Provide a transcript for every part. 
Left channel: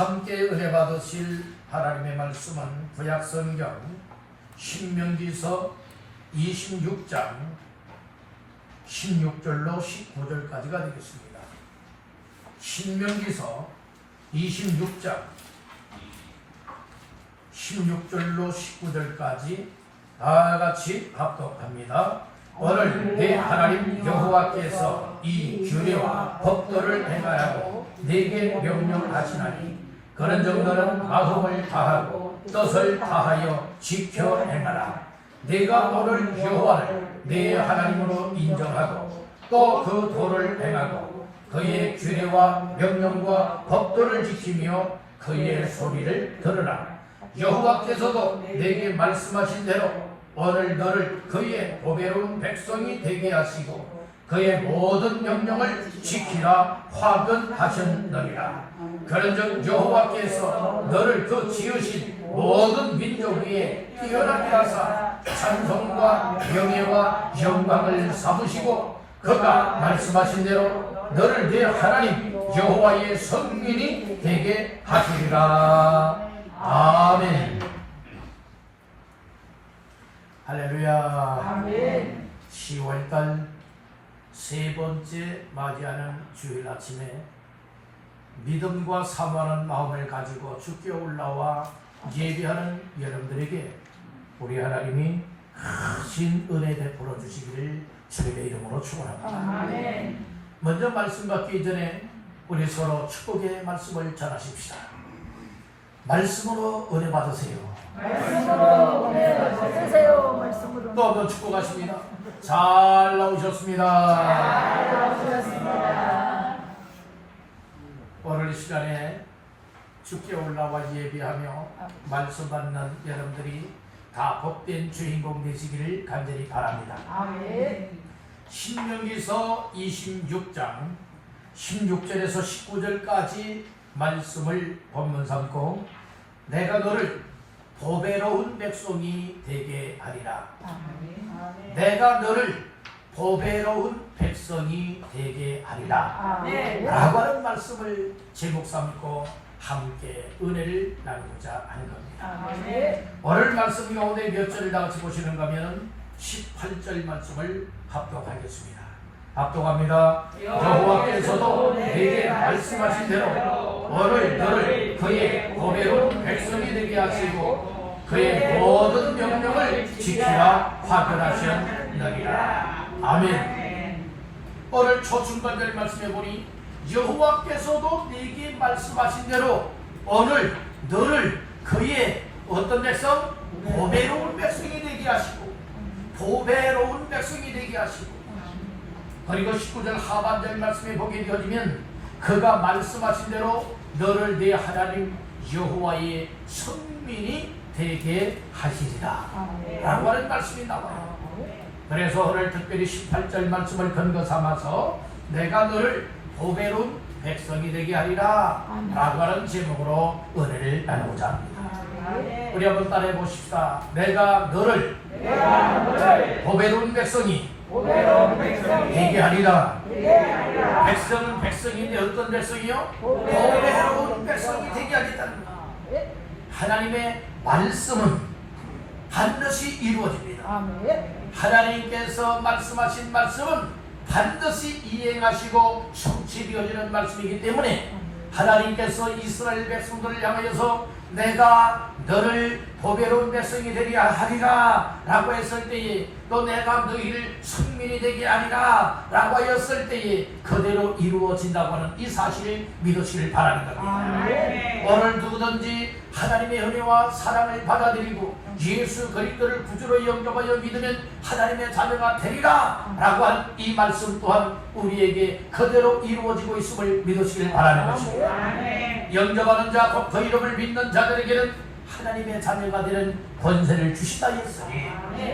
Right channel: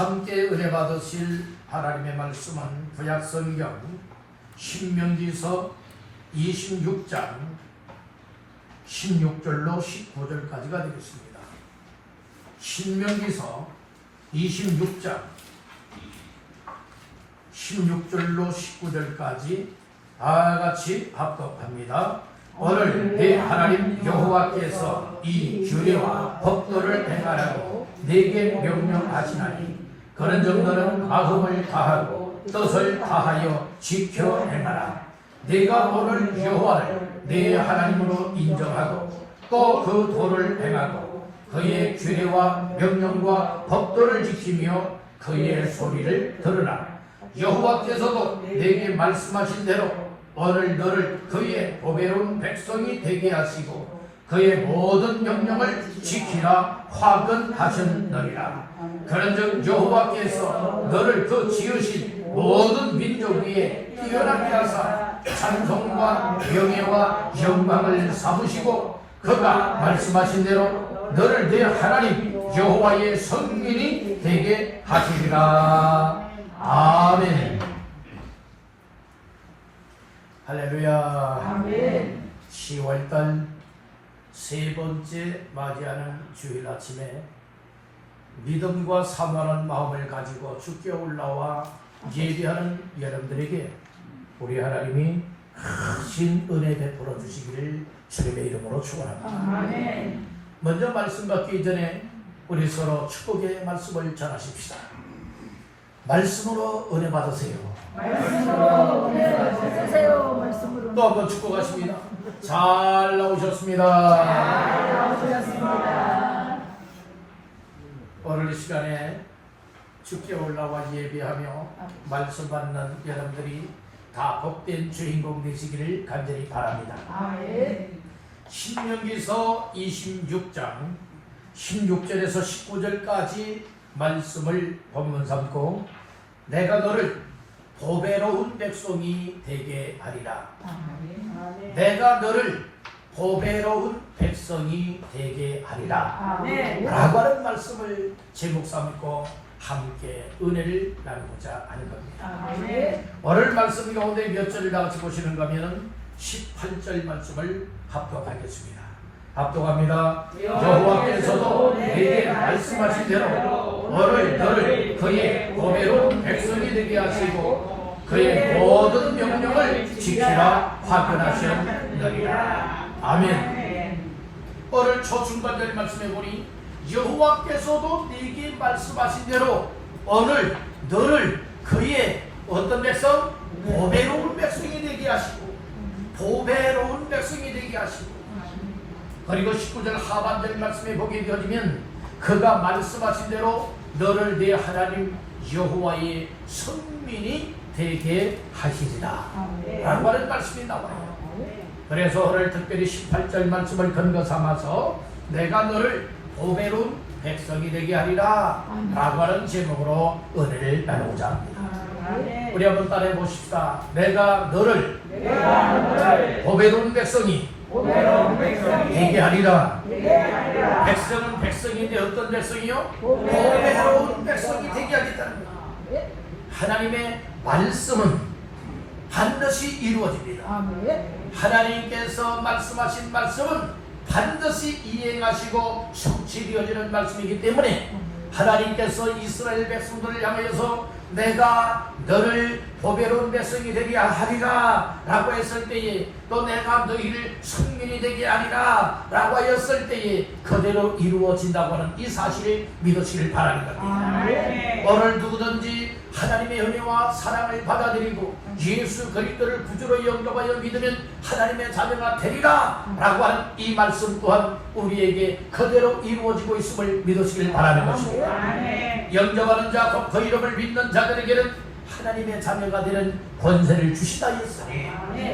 함께 은혜 받으실 하나님의 말씀은 구약성경 신명기서 26장 16절로 19절까지가 되겠습니다. 신명기서 26장 16절로 19절까지 다같이 합독합니다. 오늘 내 하나님 여호와께서 이 규례와 법도를 행하라고 내게 명령하시나니 그런즉 너는 마음을 다하고 뜻을 다하여 지켜 행하라. 내가 오늘 여호와를 내 하나님으로 인정하고 또 그 도를 행하고 그의 규례와 명령과 법도를 지키며 그의 소리를 들으라. 여호와께서도 내게 말씀하신 대로 오늘 너를 그의 보배로운 백성이 되게 하시고 그의 모든 명령을 지키라 화근하셨느니라. 그런즉 여호와께서 너를 그 지으신 모든 민족 위에 뛰어나게 하사 찬송과 명예와 영광을 삼으시고 그가 말씀하신 대로 너를 내 하나님 여호와의 성민이 되게 하시리라. 아멘. 할렐루야. 아멘. 10월달 세 번째 맞이하는 주일 아침에 믿음과 사모하는 마음을 가지고 주께 올라와 예배하는 여러분들에게 우리 하나님이 크신 은혜 베풀어 주시기를 주님의 이름으로 축원합니다. 아멘. 먼저 말씀 받기 전에 우리 서로 축복의 말씀을 전하십시다. 말씀으로 은혜 받으세요. 말씀으로 은혜 받으세요. 말씀으로. 또 한번 축복하십니다. 잘 나오셨습니다. 잘 나오셨습니다. 오늘 이 시간에 주께 올라와 예배하며 말씀 받는 여러분들이 다 복된 주인공 되시기를 간절히 바랍니다. 아멘. 신명기서 26장 16절에서 19절까지 말씀을 본문 삼고 내가 너를 보배로운 백성이 되게 하리라. 아멘. 내가 너를 보배로운 백성이 되게 하리라. 아멘. 라고 하는 말씀을 제목 삼고 함께 은혜를 나누고자 하는 겁니다. 아멘. 오늘 말씀 가운데 몇 절을 다 같이 보시는가 하면 18절 말씀을 합독하겠습니다. 합독합니다. 여호와께서도 내게 말씀하신 대로 오늘 너를 그의 보배로운 백성이 되게 하시고 그의 모든 명령을 지키라 화근하셨느니라. 아멘. 오늘 초중반절 말씀해 보니 여호와께서도 내게 말씀하신 대로 오늘 너를 그의 어떤 백성? 보배로운 백성이 되게 하시고 보배로운 백성이 되게 하시고 그리고 19절 하반절 말씀에 보게 되어지면 그가 말씀하신 대로 너를 내 하나님 여호와의 선민이 되게 하시리라 라고 하는 말씀이 나와요. 그래서 오늘 특별히 18절 말씀을 근거 삼아서 내가 너를 보배로운 백성이 되게 하리라 라고 하는 제목으로 은혜를 나누고자 합니다. 우리 한번 따라해 보십시다. 내가 너를 보배로운 백성이 되게 하리라. 백성은 백성인데 어떤 백성이요? 보배로운 백성이 되게 하겠다는 거예요. 하나님의 말씀은 반드시 이루어집니다. 하나님께서 말씀하신 말씀은 반드시 이행하시고 성취되어지는 말씀이기 때문에 하나님께서 이스라엘 백성들을 향하여서 내가 너를 보배로운 백성이 되게 하리라 라고 했을 때에 또 내가 너희를 성민이 되게 하리라 라고 하였을 때에 그대로 이루어진다고 하는 이 사실을 믿으시길 바랍니다. 오늘 누구든지 하나님의 은혜와 사랑을 받아들이고 예수 그리스도를 구주로 영접하여 믿으면 하나님의 자녀가 되리라 라고 한 이 말씀 또한 우리에게 그대로 이루어지고 있음을 믿으시길 바라는 것입니다. 영접하는 자, 곧 그 이름을 믿는 자들에게는 하나님의 자녀가 되는 권세를 주시다 했으니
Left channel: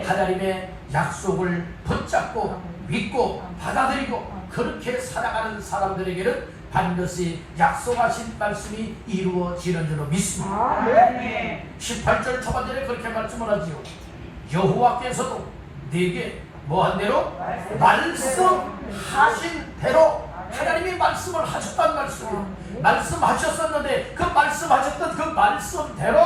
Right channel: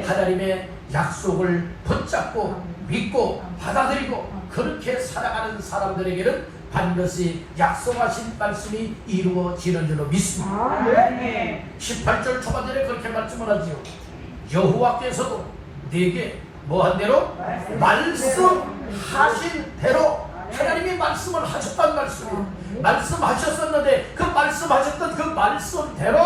하나님의 약속을 붙잡고 믿고 받아들이고 그렇게 살아가는 사람들에게는 반드시 약속하신 말씀이 이루어지는 줄로 믿습니다. 18절 초반절에 그렇게 말씀을 하지요. 여호와께서도 내게 뭐한 대로? 말씀하신 대로 하나님이 말씀을 하셨단 말씀이에요. 말씀하셨었는데 그 말씀하셨던 그 말씀대로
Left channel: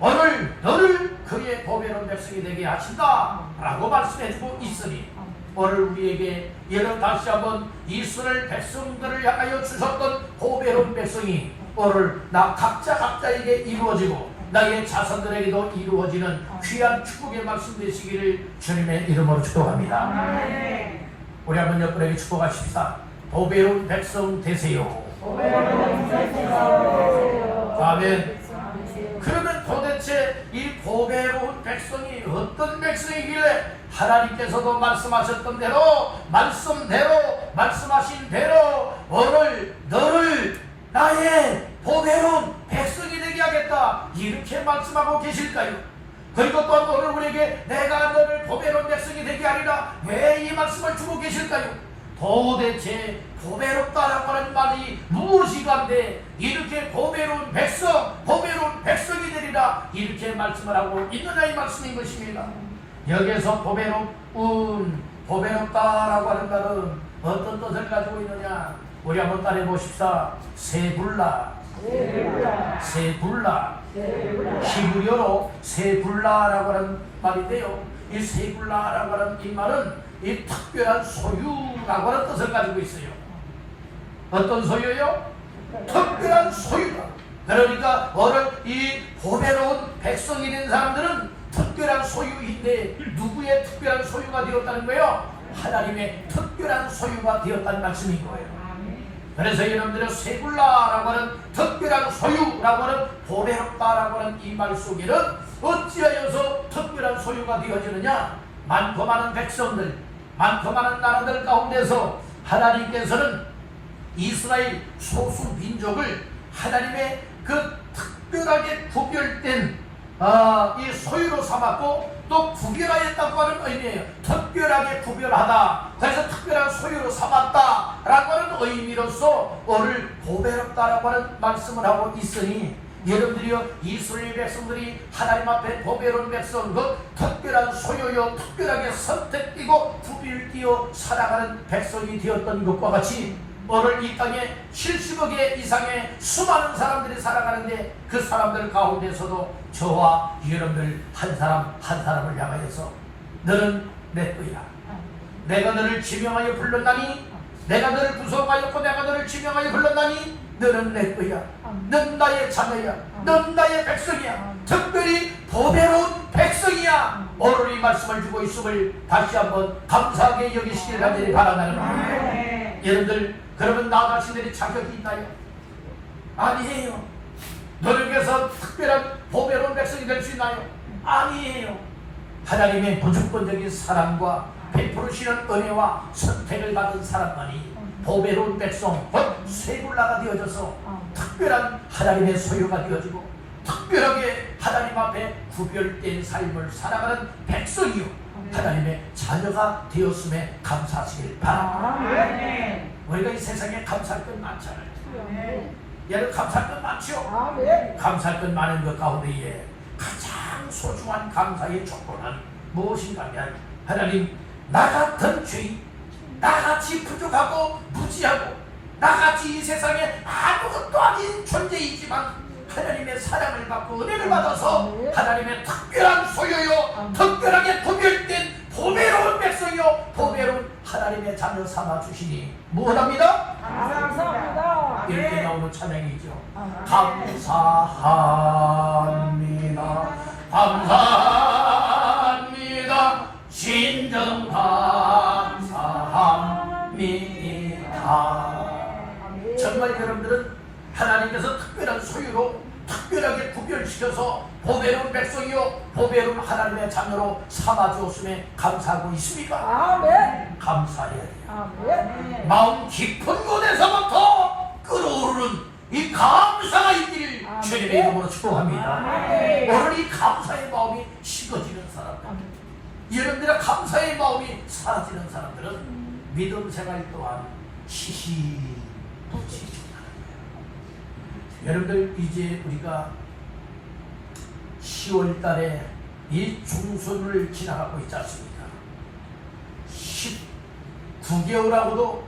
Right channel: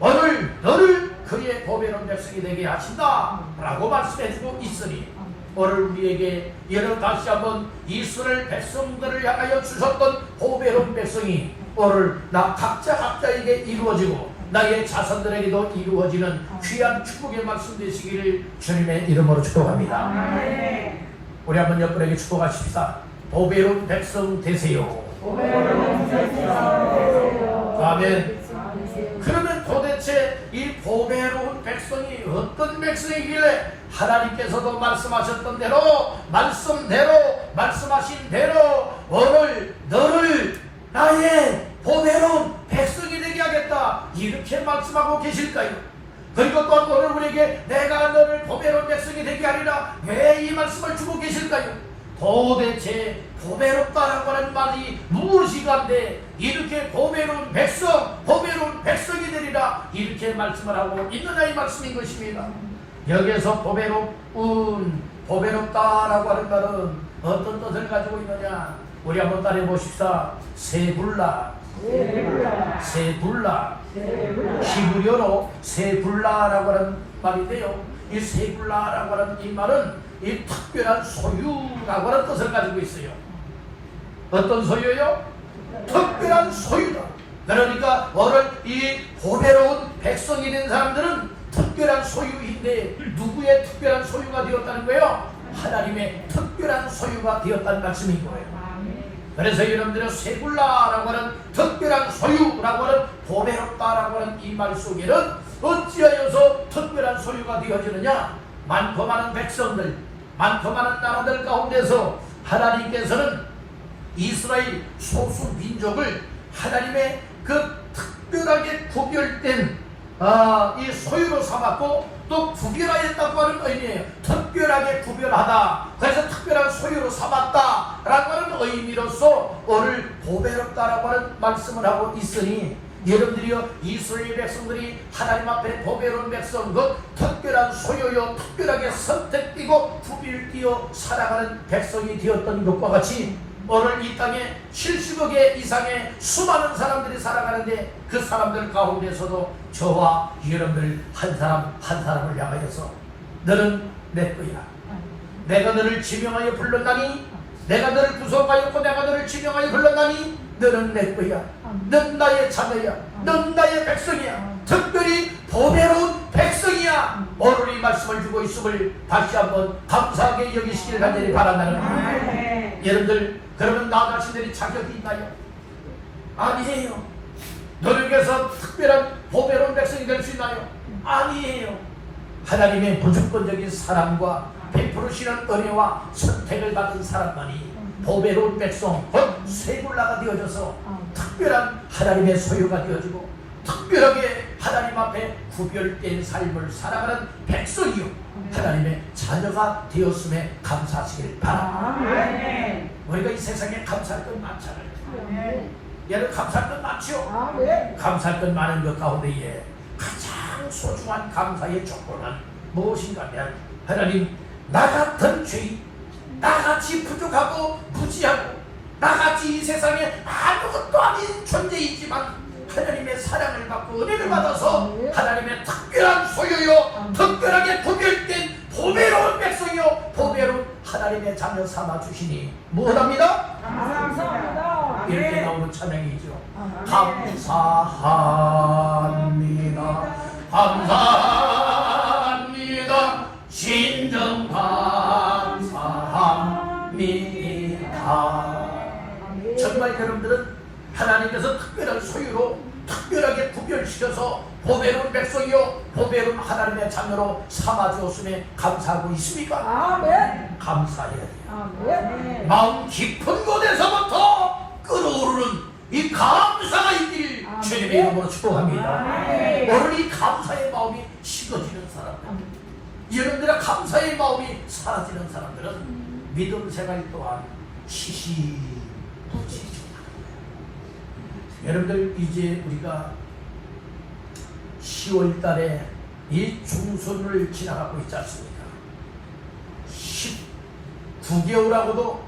오늘 너를 그의 보배로운 백성이 되게 하신다 라고 말씀해주고 있으니 오늘 우리에게 여러분 다시 한번 이스라엘 백성들을 향하여 주셨던 보배로운 백성이 오늘 나 각자에게 이루어지고 나의 자손들에게도 이루어지는 귀한 축복의 말씀 되시기를 주님의 이름으로 축복합니다. 우리 한번 옆분에게 축복하십시다. 보배로운 백성 되세요. 아멘. 그러면 도대체 이 보배로운 백성이 어떤 백성이길래 하나님께서도 말씀하셨던 대로 말씀대로 말씀하신 대로 오늘 너를 나의 보배로운 백성이 되게 하겠다 이렇게 말씀하고 계실까요? 그리고 또한 오늘 우리에게 내가 너를 보배로운 백성이 되게 하리라 왜 이 말씀을 주고 계실까요? 도대체 보배롭다라고 하는 말이 무엇이건데 이렇게 보배로운 백성이 되리라 이렇게 말씀을 하고 있느냐 이 말씀인 것입니다. 여기에서 보배롭다라고 하는 말은 어떤 뜻을 가지고 있느냐 우리 한번 따라해 보십시다. 세불라 히브리어로 세불라라고 하는 말인데요. 이 세불라라고 하는 이 말은 이 특별한 소유라고 하는 뜻을 가지고 있어요. 어떤 소유요? 특별한 소유다. 그러니까 오늘 이 보배로운 백성이 된 사람들은 특별한 소유인데 누구의 특별한 소유가 되었다는 거예요? 하나님의 특별한 소유가 되었다는 말씀인 거예요. 그래서 여러분들은 세불라라고 하는 특별한 소유라고 하는 보배롭다라고 하는 이 말 속에는 어찌하여서 특별한 소유가 되어지느냐? 많고 많은 백성들, 많고 많은 나라들 가운데서 하나님께서는 이스라엘 소수 민족을 하나님의 그 특별하게 구별된 이 소유로 삼았고 또 구별하였다고 하는 의미예요. 특별하게 구별하다. 그래서 특별한 소유로 삼았다라고 하는 의미로서 오늘 보배롭다라고 하는 말씀을 하고 있으니 여러분들이요 이스라엘 백성들이 하나님 앞에 보배로운 백성 그 특별한 소유요 특별하게 선택되고 구별되어 살아가는 백성이 되었던 것과 같이 오늘 이 땅에 70억 개 이상의 수많은 사람들이 살아가는데 그 사람들 가운데서도 저와 여러분들 한 사람 한 사람을 향하여서 너는 내 거야. 내가 너를 지명하여 불렀나니 내가 너를 구속하였고 내가 너를 지명하여 불렀나니 너는 내 거야. 넌 나의 자녀야. 넌 나의 백성이야. 특별히 보배로운 백성이야. 오늘 이 말씀을 주고 있음을 다시 한번 감사하게 여기시길 간절히 바란다는 말입니다. 여러분들 그러면 나 자신들이 자격이 있나요? 아니에요. 너를 위해서 특별한 보배로운 백성이 될 수 있나요? 아니에요. 하나님의 무조건적인 사랑과 베푸르시는 은혜와 선택을 받은 사람만이 보배로운 백성, 곧 세불라가 되어져서 특별한 하나님의 소유가 되어지고 특별하게 하나님 앞에 구별된 삶을 살아가는 백성이요 하나님의 자녀가 되었음에 감사하시길 바랍니다. 우리가 이 세상에 감사할 것 많잖아요. 여러분 감사할 것 많죠? 감사할 것 많은 것 가운데에 가장 소중한 감사의 조건은 무엇인가 하면 하나님 나 같은 죄인 나같이 부족하고 무지하고 나같이 이 세상에 아무것도 아닌 존재이지만 하나님의 사랑을 받고 은혜를 받아서 하나님의 특별한 소유요 특별하게 구별된 보배로운 백성이요 보배로운 하나님의 자녀 삼아주시니 무엇합니다? 감사합니다. 이렇게 나오는 찬양이죠. 감사합니다. 감사합니다. 진정 감사합니다. 정말 여러분들은 하나님께서 특별한 소유로 특별하게 구별시켜서 보배로운 백성이요 보배로운 하나님의 자녀로 삼아주었음에 감사하고 있습니까? 감사해야 돼요. 마음 깊은 곳에서부터 끓어오르는 이 감사가 있기를 주님의 이름으로 축복합니다. 오늘 이 감사의 마음이 식어지는 사람들, 여러분들의 감사의 마음이 사라지는 사람들은 믿음 생활 또한 시시무지죠. 여러분들 이제 우리가 10월 달에 이 중순을 지나가고 있지 않습니까? 19개월하고도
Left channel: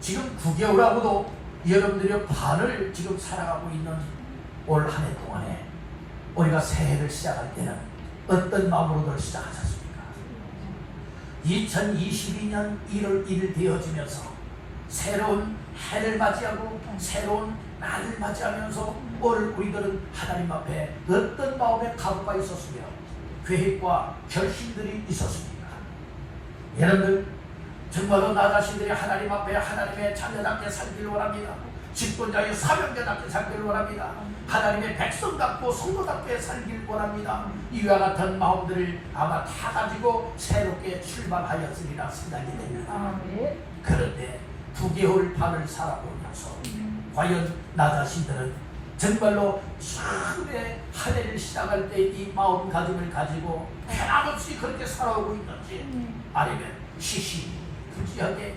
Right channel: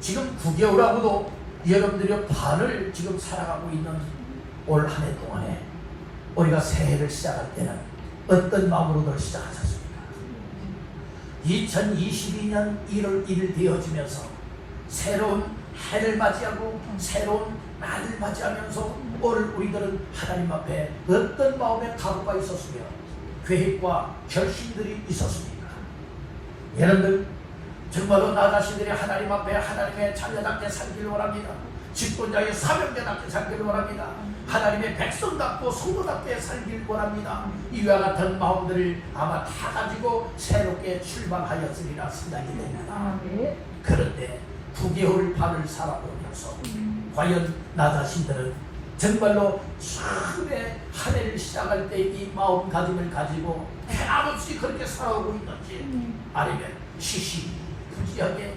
지금 9개월하고도 여러분들이 반을 지금 살아가고 있는 올 한 해 동안에 우리가 새해를 시작할 때는 어떤 마음으로들 시작하셨습니까? 2022년 1월 1일 되어지면서 새로운 해를 맞이하고 새로운 날을 맞이하면서 오늘 우리들은 하나님 앞에 어떤 마음의 각오가 있었으며 계획과 결심들이 있었습니까? 여러분들 정말로 나 자신들이 하나님 앞에 하나님의 자녀답게 살기를 원합니다. 직분자의 사명자답게 살기를 원합니다. 하나님의 백성답고 성도답게 살기를 원합니다. 이와 같은 마음들을 아마 다 가지고 새롭게 출발하였으리라 생각이 됩니다. 그런데 9개월 반을 살아보면서 과연 나 자신들은 정말로 처음에 한 해를 시작할 때 이 마음가짐을 가지고 한없이 그렇게 살아오고 있는지 아니면 시시부지하게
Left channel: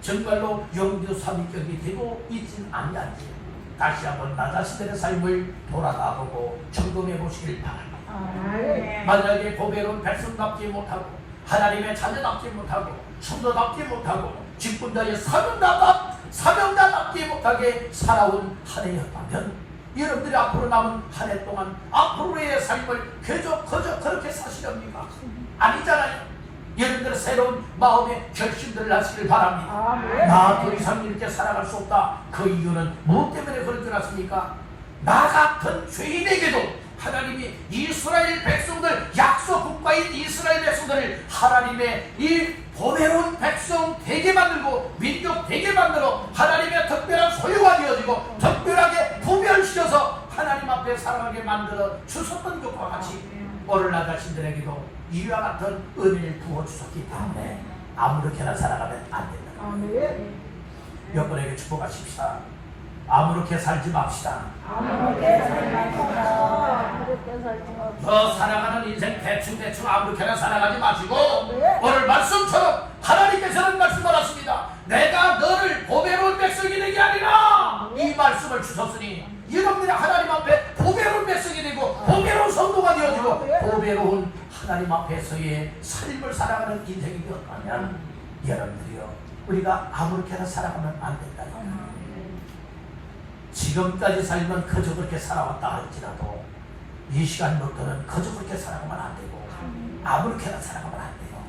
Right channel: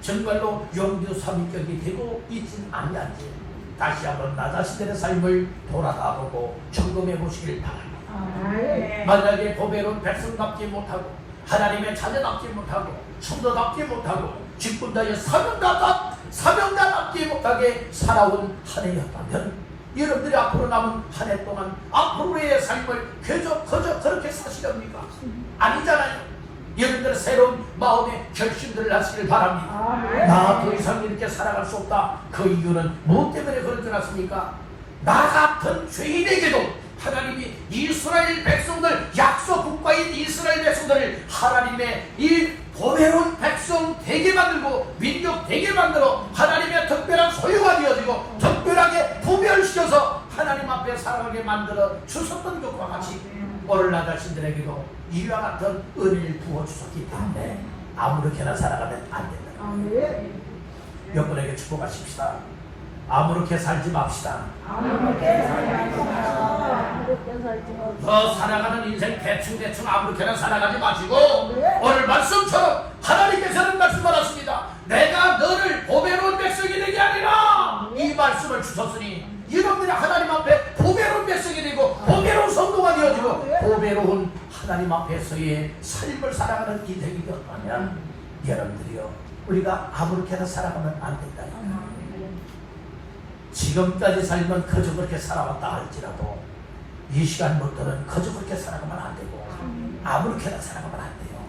정말로 용두삼위격이 되고 있진 않는지 다시 한번 나 자신들의 삶을 돌아다보고 점검해 보시길 바랍니다. 만약에 고배로운 백성답지 못하고 하나님의 자녀답지 못하고 성도답지 못하고 직분자의 사명자답지 못하게 살아온 한 해였다면 여러분들이 앞으로 남은 한 해 동안 앞으로의 삶을 그저 그렇게 사시렵니까? 아니잖아요. 여러분들의 새로운 마음의 결심들을 하시길 바랍니다. 나 더 이상 이렇게 살아갈 수 없다. 그 이유는 무엇 때문에 그런 줄 아십니까? 나 같은 죄인에게도 하나님이 이스라엘 백성들, 약속 국가인 이스라엘 백성들을 하나님의 이 보배로운 백성 되게 만들고 민족 되게 만들어 하나님의 특별한 소유가 되어지고 특별하게 구별시켜서 하나님 앞에 살아가게 만들어 주셨던 것과 같이 오늘 나 자신들에게도 이와 같은 은혜를 부어주셨기 때문에 아무렇게나 살아가면 안 된다. 여러분에게 축복하십시다. 아무렇게 살지 맙시다. 너 살아가는 인생 대충 아무렇게나 살아가지 마시고 오늘 말씀처럼 하나님께서는 말씀하셨습니다. 내가 너를 보배로운 백성이 되게 아니라 이 말씀을 주셨으니 여러분들이 하나님 앞에 보배로운 백성이 되고 보배로운 성도가 되어지고 보배로운 하나님 앞에서의 삶을 살아가는 인생이 되었다면 여러분들이요 우리가 아무렇게나 살아가면 안 된다니까요. 지금까지 살면 그저 그렇게 살아왔다 할지라도 이 시간부터는 그저 그렇게 살아가면 안 되고 아무렇게나 살아가면 안 돼요.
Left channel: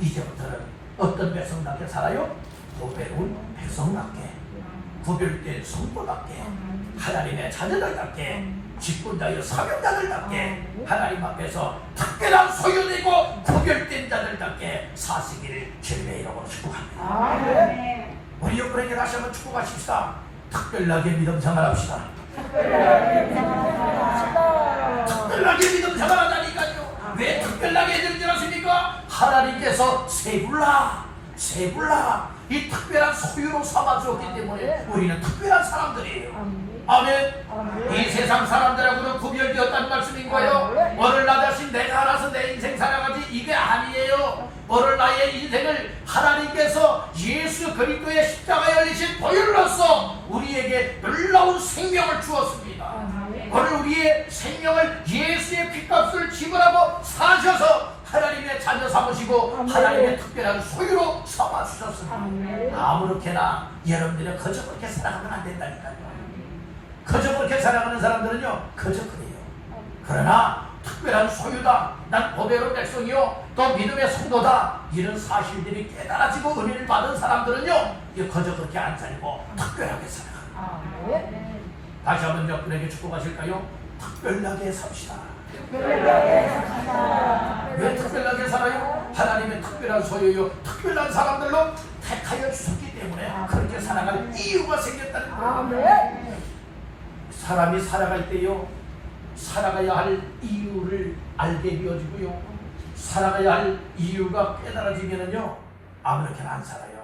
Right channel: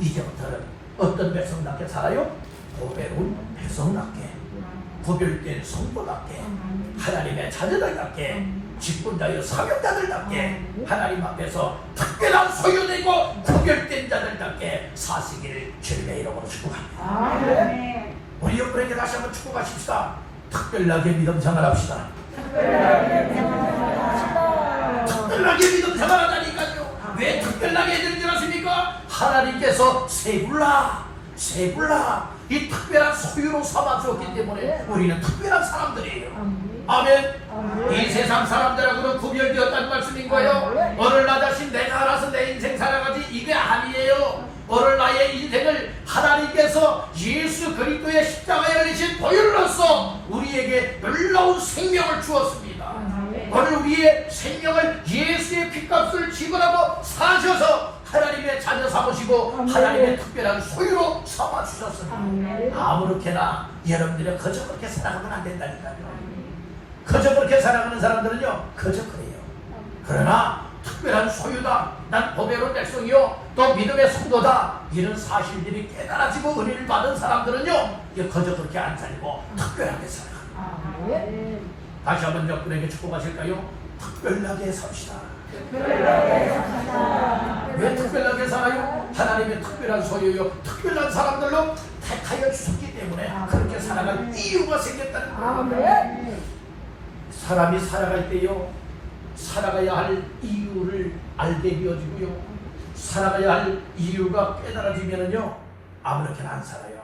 이제부터는 어떤 백성답게 살아요? 보배로운 백성답게 구별된 성도답게 하나님의 자녀들답게 직분자여 사명자들답게 하나님 앞에서 특별한 소유되고 구별된 자들답게 사시기를 주님의 이름으로 축복합니다. 우리 여러분에게 다시 한번 축복하십시다. 특별하게 믿음 생활합시다. 특별하게 믿음 생활하다니까요. 왜 특별하게 해드린 줄 아십니까? 하나님께서 세불라 이 특별한 소유로 삼아주었기 때문에 우리는 특별한 사람들이에요. 아멘. 이 세상 사람들하고는 구별되었다는 말씀인 거예요. 오늘 나 자신 내가 알아서 내 인생 살아가지 이게 아니에요. 오늘 나의 인생을 하나님께서 예수 그리스도의 십자가에 열리신 보혈로서 우리에게 놀라운 생명을 주었습니다. 오늘 우리의 생명을 예수의 피값을 지불하고 사셔서 하나님의 자녀 삼으시고 하나님의 특별한 소유로 삼아주셨습니다. 아무렇게나 여러분들이 그저 그렇게 살아가면 안 된다니까요. 그저 그렇게 살아가는 사람들은요 그저 그래요. 그러나 특별한 소유다, 난 보배로운 백성이요 또 믿음의 성도다, 이런 사실들이 깨달아지고 은혜를 받은 사람들은요 그저 그렇게 안 살고 특별하게 살아갑니다. 다시 한번 여러분에게 축복하실까요? 특별하게 삽시다. 왜 특별하게 살아요? 하나님의 특별한 소유요 특별한 사람들로 택하여 주셨기 때문에 그렇게 살아갈 이유가 생겼다는 거예요. 사람이 살아갈 때요 살아가야 할 이유를 알게 되어지고요 살아가야 할 이유가 깨달아지면은요 아무렇게나 안 살아요.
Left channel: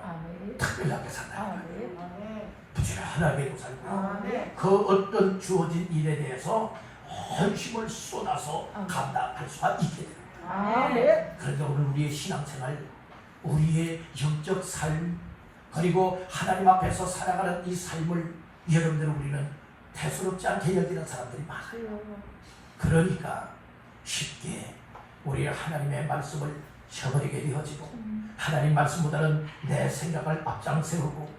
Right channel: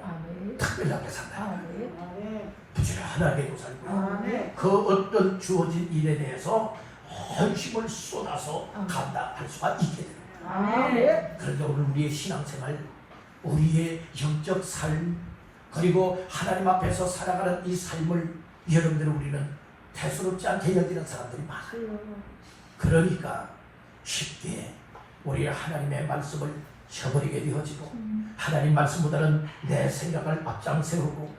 특별하게 살아요. 부지런하게도 살고요 그 어떤 주어진 일에 대해서 헌심을 쏟아서 감당할 수가 있게 되는 거예요. 그런데 오늘 우리의 신앙생활, 우리의 영적 삶, 그리고 하나님 앞에서 살아가는 이 삶을 여러분들 우리는 대수롭지 않게 여기는 사람들이 많아요. 그러니까 쉽게 우리 하나님의 말씀을 저버리게 되어지고 하나님 말씀보다는 내 생각을 앞장 세우고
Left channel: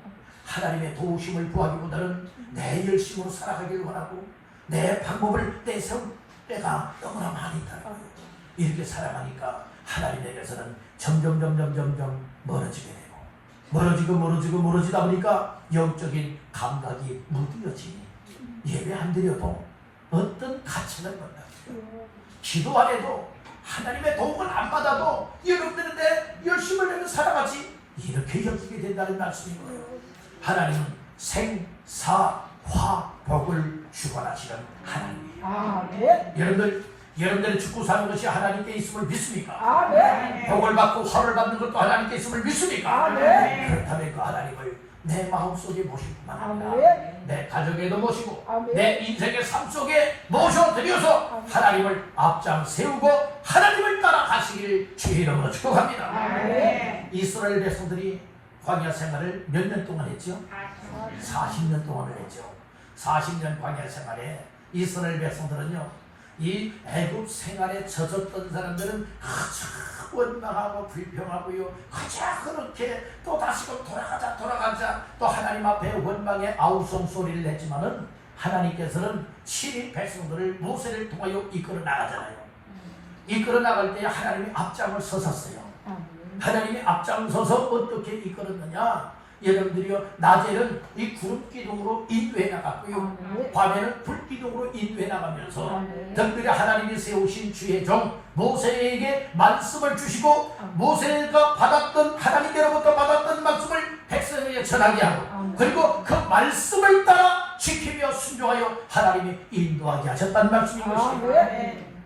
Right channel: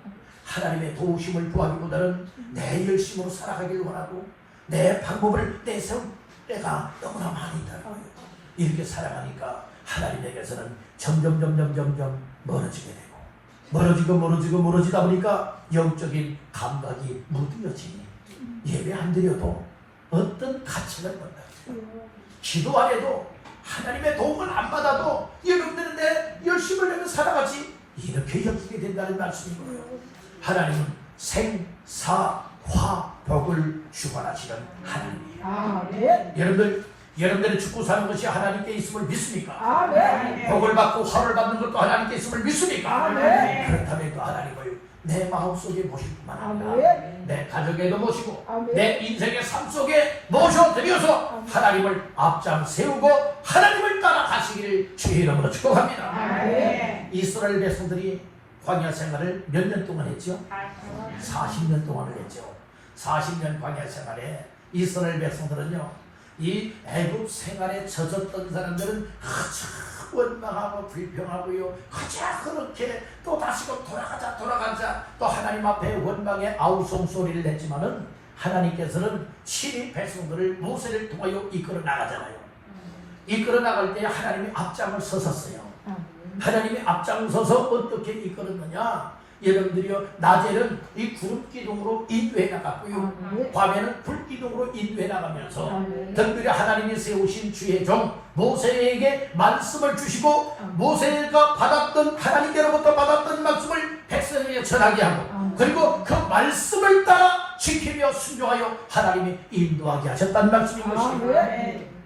하나님의 도우심을 구하기보다는 내 열심으로 살아가길 원하고 내 방법을 내세울 때가 너무나 많이 있다. 이렇게 살아가니까 하나님에게서는 점점 멀어지게 되고 멀어지다 보니까 영적인 감각이 무뎌지니 예배 안 드려도 어떤 가치를 본다. 기도 안 해도 하나님의 도움을 안 받아도 여러분들은 내 열심을 내면 살아가지 이렇게 여기게 된다는 말씀이고요. 하나님은 생사화 복을 주관하시는 하나님이에요. 여러분들이 죽고 사는 것이 하나님께 있음을 믿습니까? 복을 받고 화를 받는 것도 하나님께 있음을 믿습니까? 그렇다면 그 하나님을 내 마음속에 모실 뿐만 아니라 내 가족에도 모시고 내 인생의 삶 속에 모셔드려서 하나님을 앞장 세우고 하나님을 따라가시기를 주의 이름으로 축복합니다. 이스라엘 백성들이 광야 생활을 몇 년 동안 했죠? 40년 동안을 했죠. 40년 광야 생활에 이스라엘 백성들은요, 이 애굽 생활에 젖었던 사람들은 가장 원망하고 불평하고요, 가장 그렇게 또 다시금 돌아가자 또 하나님 앞에 원망의 아우성 소리를 냈지만은 하나님께서는 친히 백성들을 모세를 통하여 이끌어 나가잖아요. 이끌어 나갈 때 하나님이 앞장을 서셨어요. 하나님이 앞장서서 어떻게 이끌었느냐? 여러분들이요, 낮에는 이 구름 기둥으로 인도해 나갔고요, 밤에는 불 기둥으로 인도해 나가면서 특별히 하나님이 세우신 주의 종 모세에게 말씀을 주시고 모세가 받았던 하나님께로부터 받았던 말씀을 백성에게 전하게 하고 그리고 그 말씀을 따라 지키며 순종하여 하나님이 인도하게 하셨다는 말씀인 것입니다.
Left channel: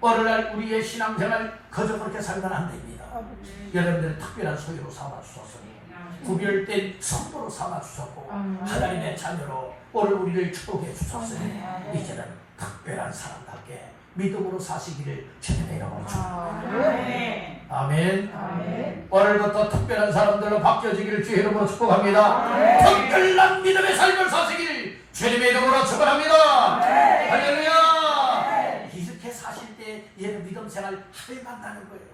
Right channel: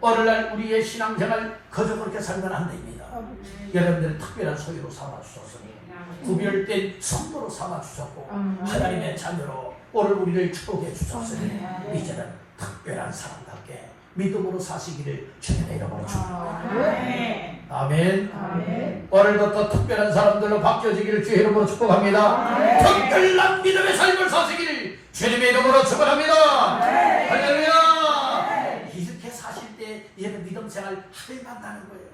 오늘날 우리의 신앙생활 그저 그렇게 살면 안 됩니다. 여러분들은 특별한 소유로 삼아주셨으니 구별된 선물로 삼아주셨고 하나님의 자녀로 오늘 우리를 축복해 주셨으니 이제는 특별한 사람답게 믿음으로 사시기를 주님의 이름으로 축복합니다. 아멘. 오늘부터 특별한 사람들로 바뀌어지기를 주의 이름으로 축복합니다. 특별한 믿음의 삶을 사시기를 주님의 이름으로 축복합니다. 할렐루야. 이렇게 사실 때 얘는 믿음 생활 하루만 나는 거예요.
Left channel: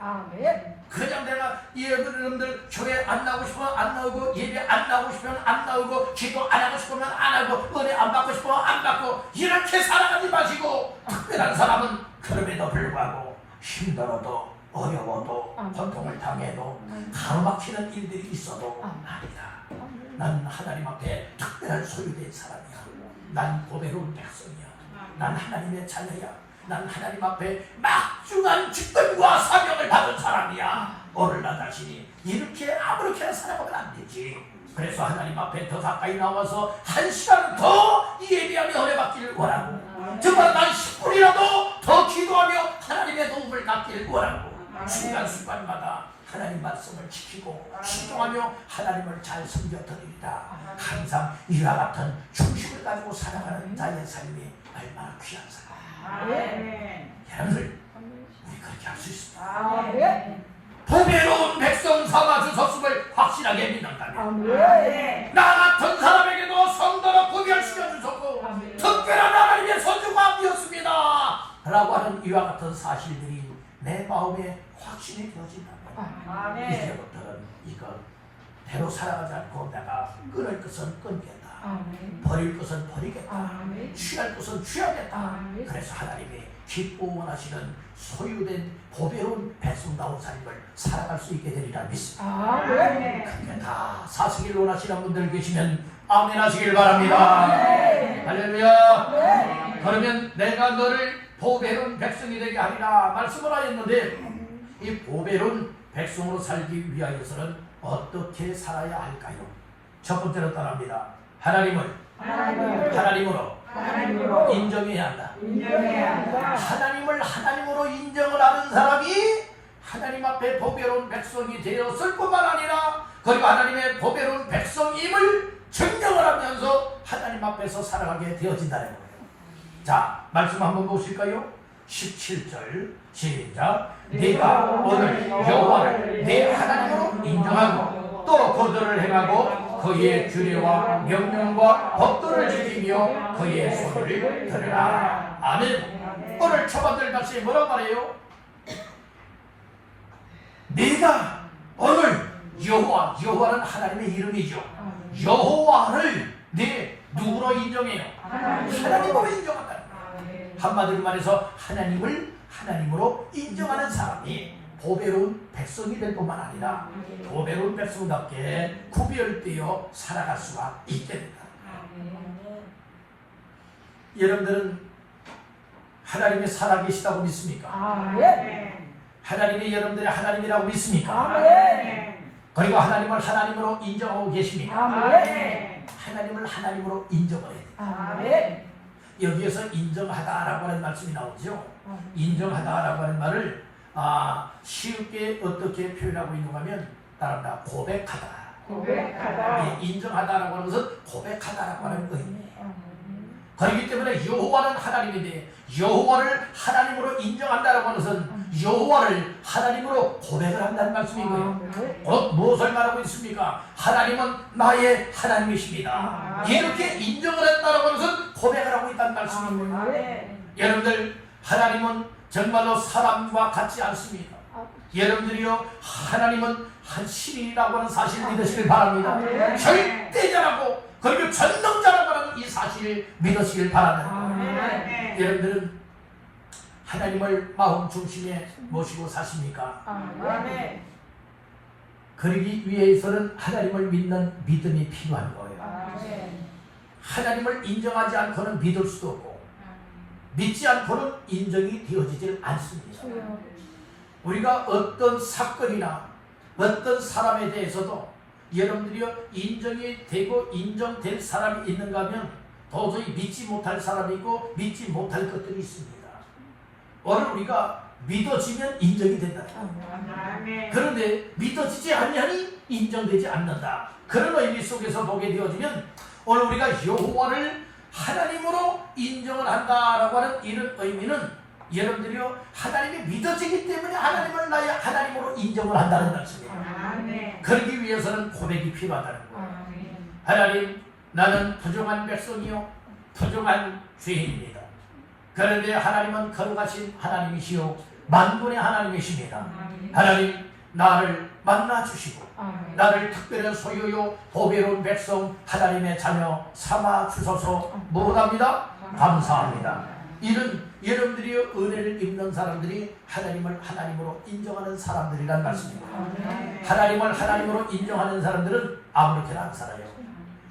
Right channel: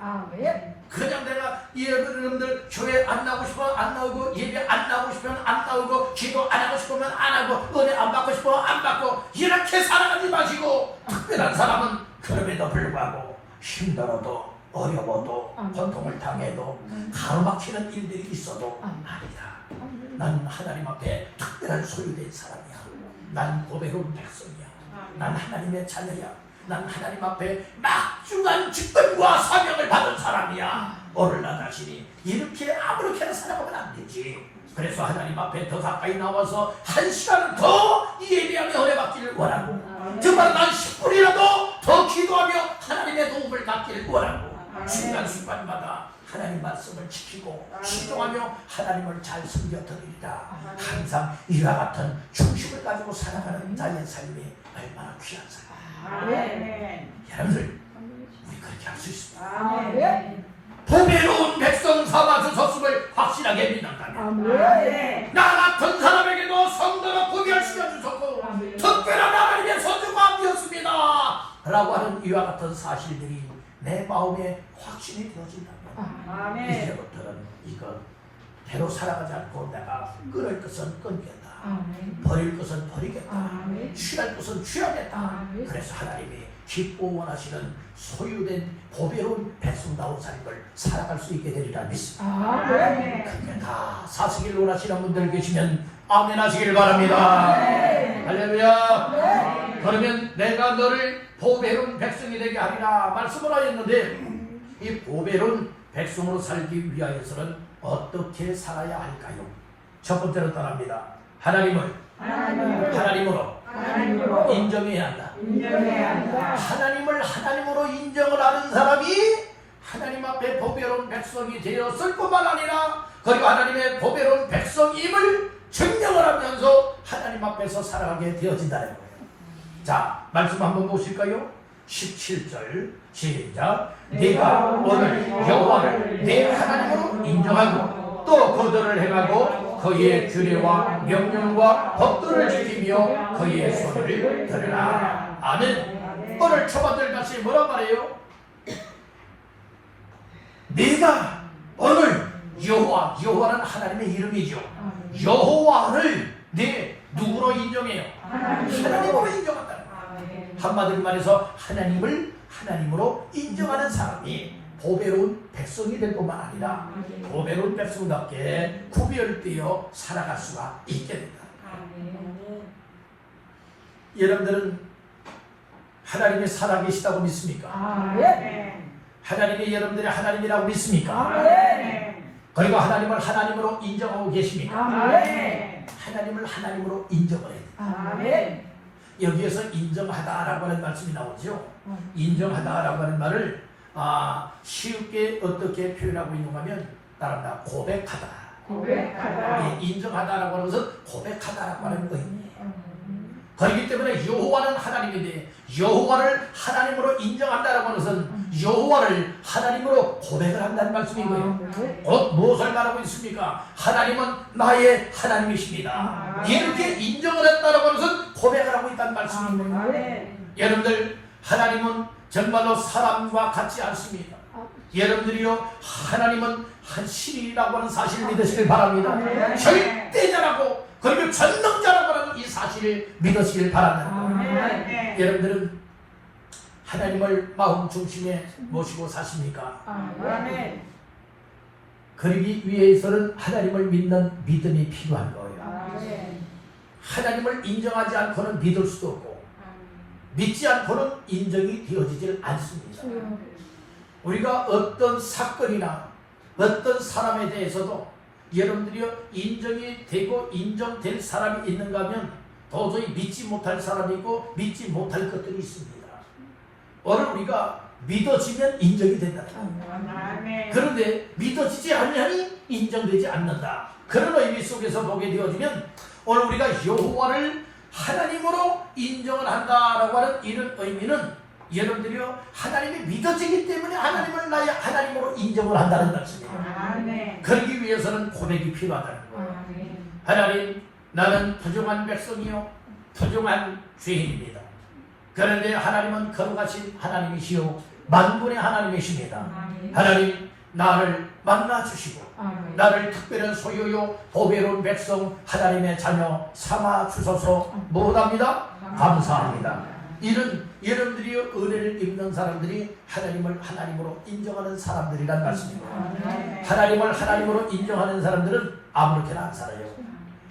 그냥 내가 여러분들 교회 안 나오고 싶으면 안 나오고 예배 안 나오고 싶으면 안 나오고 기도 안 하고 싶으면 안 하고 은혜 안 받고 싶으면 안 받고 이렇게 살아가지 마시고 특별한 사람은 그럼에도 불구하고 힘들어도 어려워도 고통을 당해도 가로막히는 일들이 있어도 아니다. 난 하나님 앞에 특별한 소유된 사람이야. 난 고백은 백성이야. 난 하나님의 자녀야. 난 하나님 앞에 막중한 직분과 사명을 받은 사람이야. 오늘 나 자신이 이렇게 아무렇게나 살아가면 안 되지. 그래서 하나님 앞에 더 가까이 나와서 1시간 더 예배하며 은혜받기를 원하고 정말 난 10분이라도 더 기도하며 하나님의 도움을 받기를 원하고 순간순간마다 하나님 말씀을 지키고 순종하며 하나님을 잘 섬겨드리리라. 항상 이와 같은 중심을 가지고 살아가는 자의 삶이 얼마나 귀한 삶이야. 여러분들 우리 그렇게 할 수 있습니다. 보배로운 백성 삼아주셨음을 확실하게 믿는다면 나 같은 사람에게도 성도로 구별시켜 주셨고 특별한 하나님의 소유가 되었습니다 라고 하는 이와 같은 사실들이 내 마음에 확신이 되어진다면 이제부터는 이거 대로 살아가지 않고 내가 끊을 것은 끊겠다, 버릴 것은 버리겠다, 취할 것은 취하겠다. 그래서 하나님이 기뻐 원하시는 소유된 보배로운 백성다운 삶을 살아갈 수 있게 되리라 믿습니다. 그렇게 다 사시길 원하시는 분들 계시면 아멘 하시길 바랍니다. 할렐루야. 그러면 내가 너를 보배로운 백성이 되게 하리라 말씀을 하였는데 이 보배로운 백성으로 살기 위하여서는 어떻게 살아야 할까요? 첫 번째로 따라합니다. 하나님으로 인정해야 한다. 하나님을 하나님으로 인정을 하는 사람이 하나님 앞에 보배로운 백성이 되었을 뿐만 아니라 그리고 하나님의 보배로운 백성임을 증명을 하면서 하나님 앞에서 살아가게 되어진다는 거예요. 자, 말씀 한번 보실까요? 17절 시작. 네가 오늘 여호와를 네 하나님으로 인정하고 또 그들을 행하고 그의 규례와 명령과 법도를 지키며 그의 소리를 들으라. 아멘. 오늘 초반절 같이 뭐라고 말해요? 네가 오늘 여호와는 하나님의 이름이죠. 여호와를 누구로 인정해요? 하나님으로 인정한다. 한마디로 말해서 하나님을 하나님으로 인정하는 사람이 보배로운 백성이 될 뿐만 아니라 보배로운 백성답게 구별되어 살아갈 수가 있게 된다. 여러분들은 하나님이 살아계시다고 믿습니까? 하나님이 여러분들의 하나님이라고 믿습니까? 그리고 하나님을 하나님으로 인정하고 계십니까? 하나님을 하나님으로 인정을 해야 돼요. 여기에서 인정하다라고 하는 말씀이 나오죠. 인정하다라고 하는 말을 쉽게 어떻게 표현하고 있는가 하면 따라합니다. 고백하다. 인정하다라고 하는 것은 고백하다라고 하는 의미예요. 그렇기 때문에 여호와는 하나님인데 여호와를 하나님으로 인정한다라고 하는 것은 여호와를 하나님으로 고백을 한다는 말씀인 거예요. 곧 무엇을 말하고 있습니까? 하나님은 나의 하나님이십니다. 이렇게 인정을 했다라고 하는 것은 고백을 하고 있다는 말씀인 거예요. 여러분들, 하나님은 정말로 사람과 같지 않습니다. 여러분들이요, 하나님은 한 신이라고 하는 사실을 믿으시길 바랍니다. 절대자라고 그리고 전능자라고 하는 이 사실을 믿으시길 바랍니다. 여러분들은 하나님을 마음 중심에 모시고 사십니까? 그러기 위해서는 하나님을 믿는 믿음이 필요한 거예요. 하나님을 인정하지 않고는 믿을 수도 없고 믿지 않고는 인정이 되어지질 않습니다. 우리가 어떤 사건이나 어떤 사람에 대해서도 여러분들이 인정이 되고 인정될 사람이 있는가 하면 도저히 믿지 못할 사람이 있고 믿지 못할 것들이 있습니다. 오늘 우리가 믿어지면 인정이 된다. 그런데 믿어지지 않으니 인정되지 않는다. 그런 의미 속에서 보게 되어지면 오늘 우리가 여호와를 하나님으로 인정을 한다라고 하는 이런 의미는 여러분들이요, 하나님이 믿어지기 때문에 하나님을 나의 하나님으로 인정을 한다는 말씀이에요. 그러기 위해서는 고백이 필요하다는 거예요. 하나님, 나는 부정한 백성이요 부정한 죄인입니다. 그런데 하나님은 거룩하신 하나님이시요 만군의 하나님이십니다. 하나님, 나를 만나주시고 나를 특별한 소유요 보배로운 백성 하나님의 자녀 삼아 주소서. 뭐랍니다? 감사합니다. 이런 여러분들이 은혜를 입는 사람들이 하나님을 하나님으로 인정하는 사람들이란 말씀입니다. 하나님을 하나님으로 인정하는 사람들은 아무렇게나 안 살아요.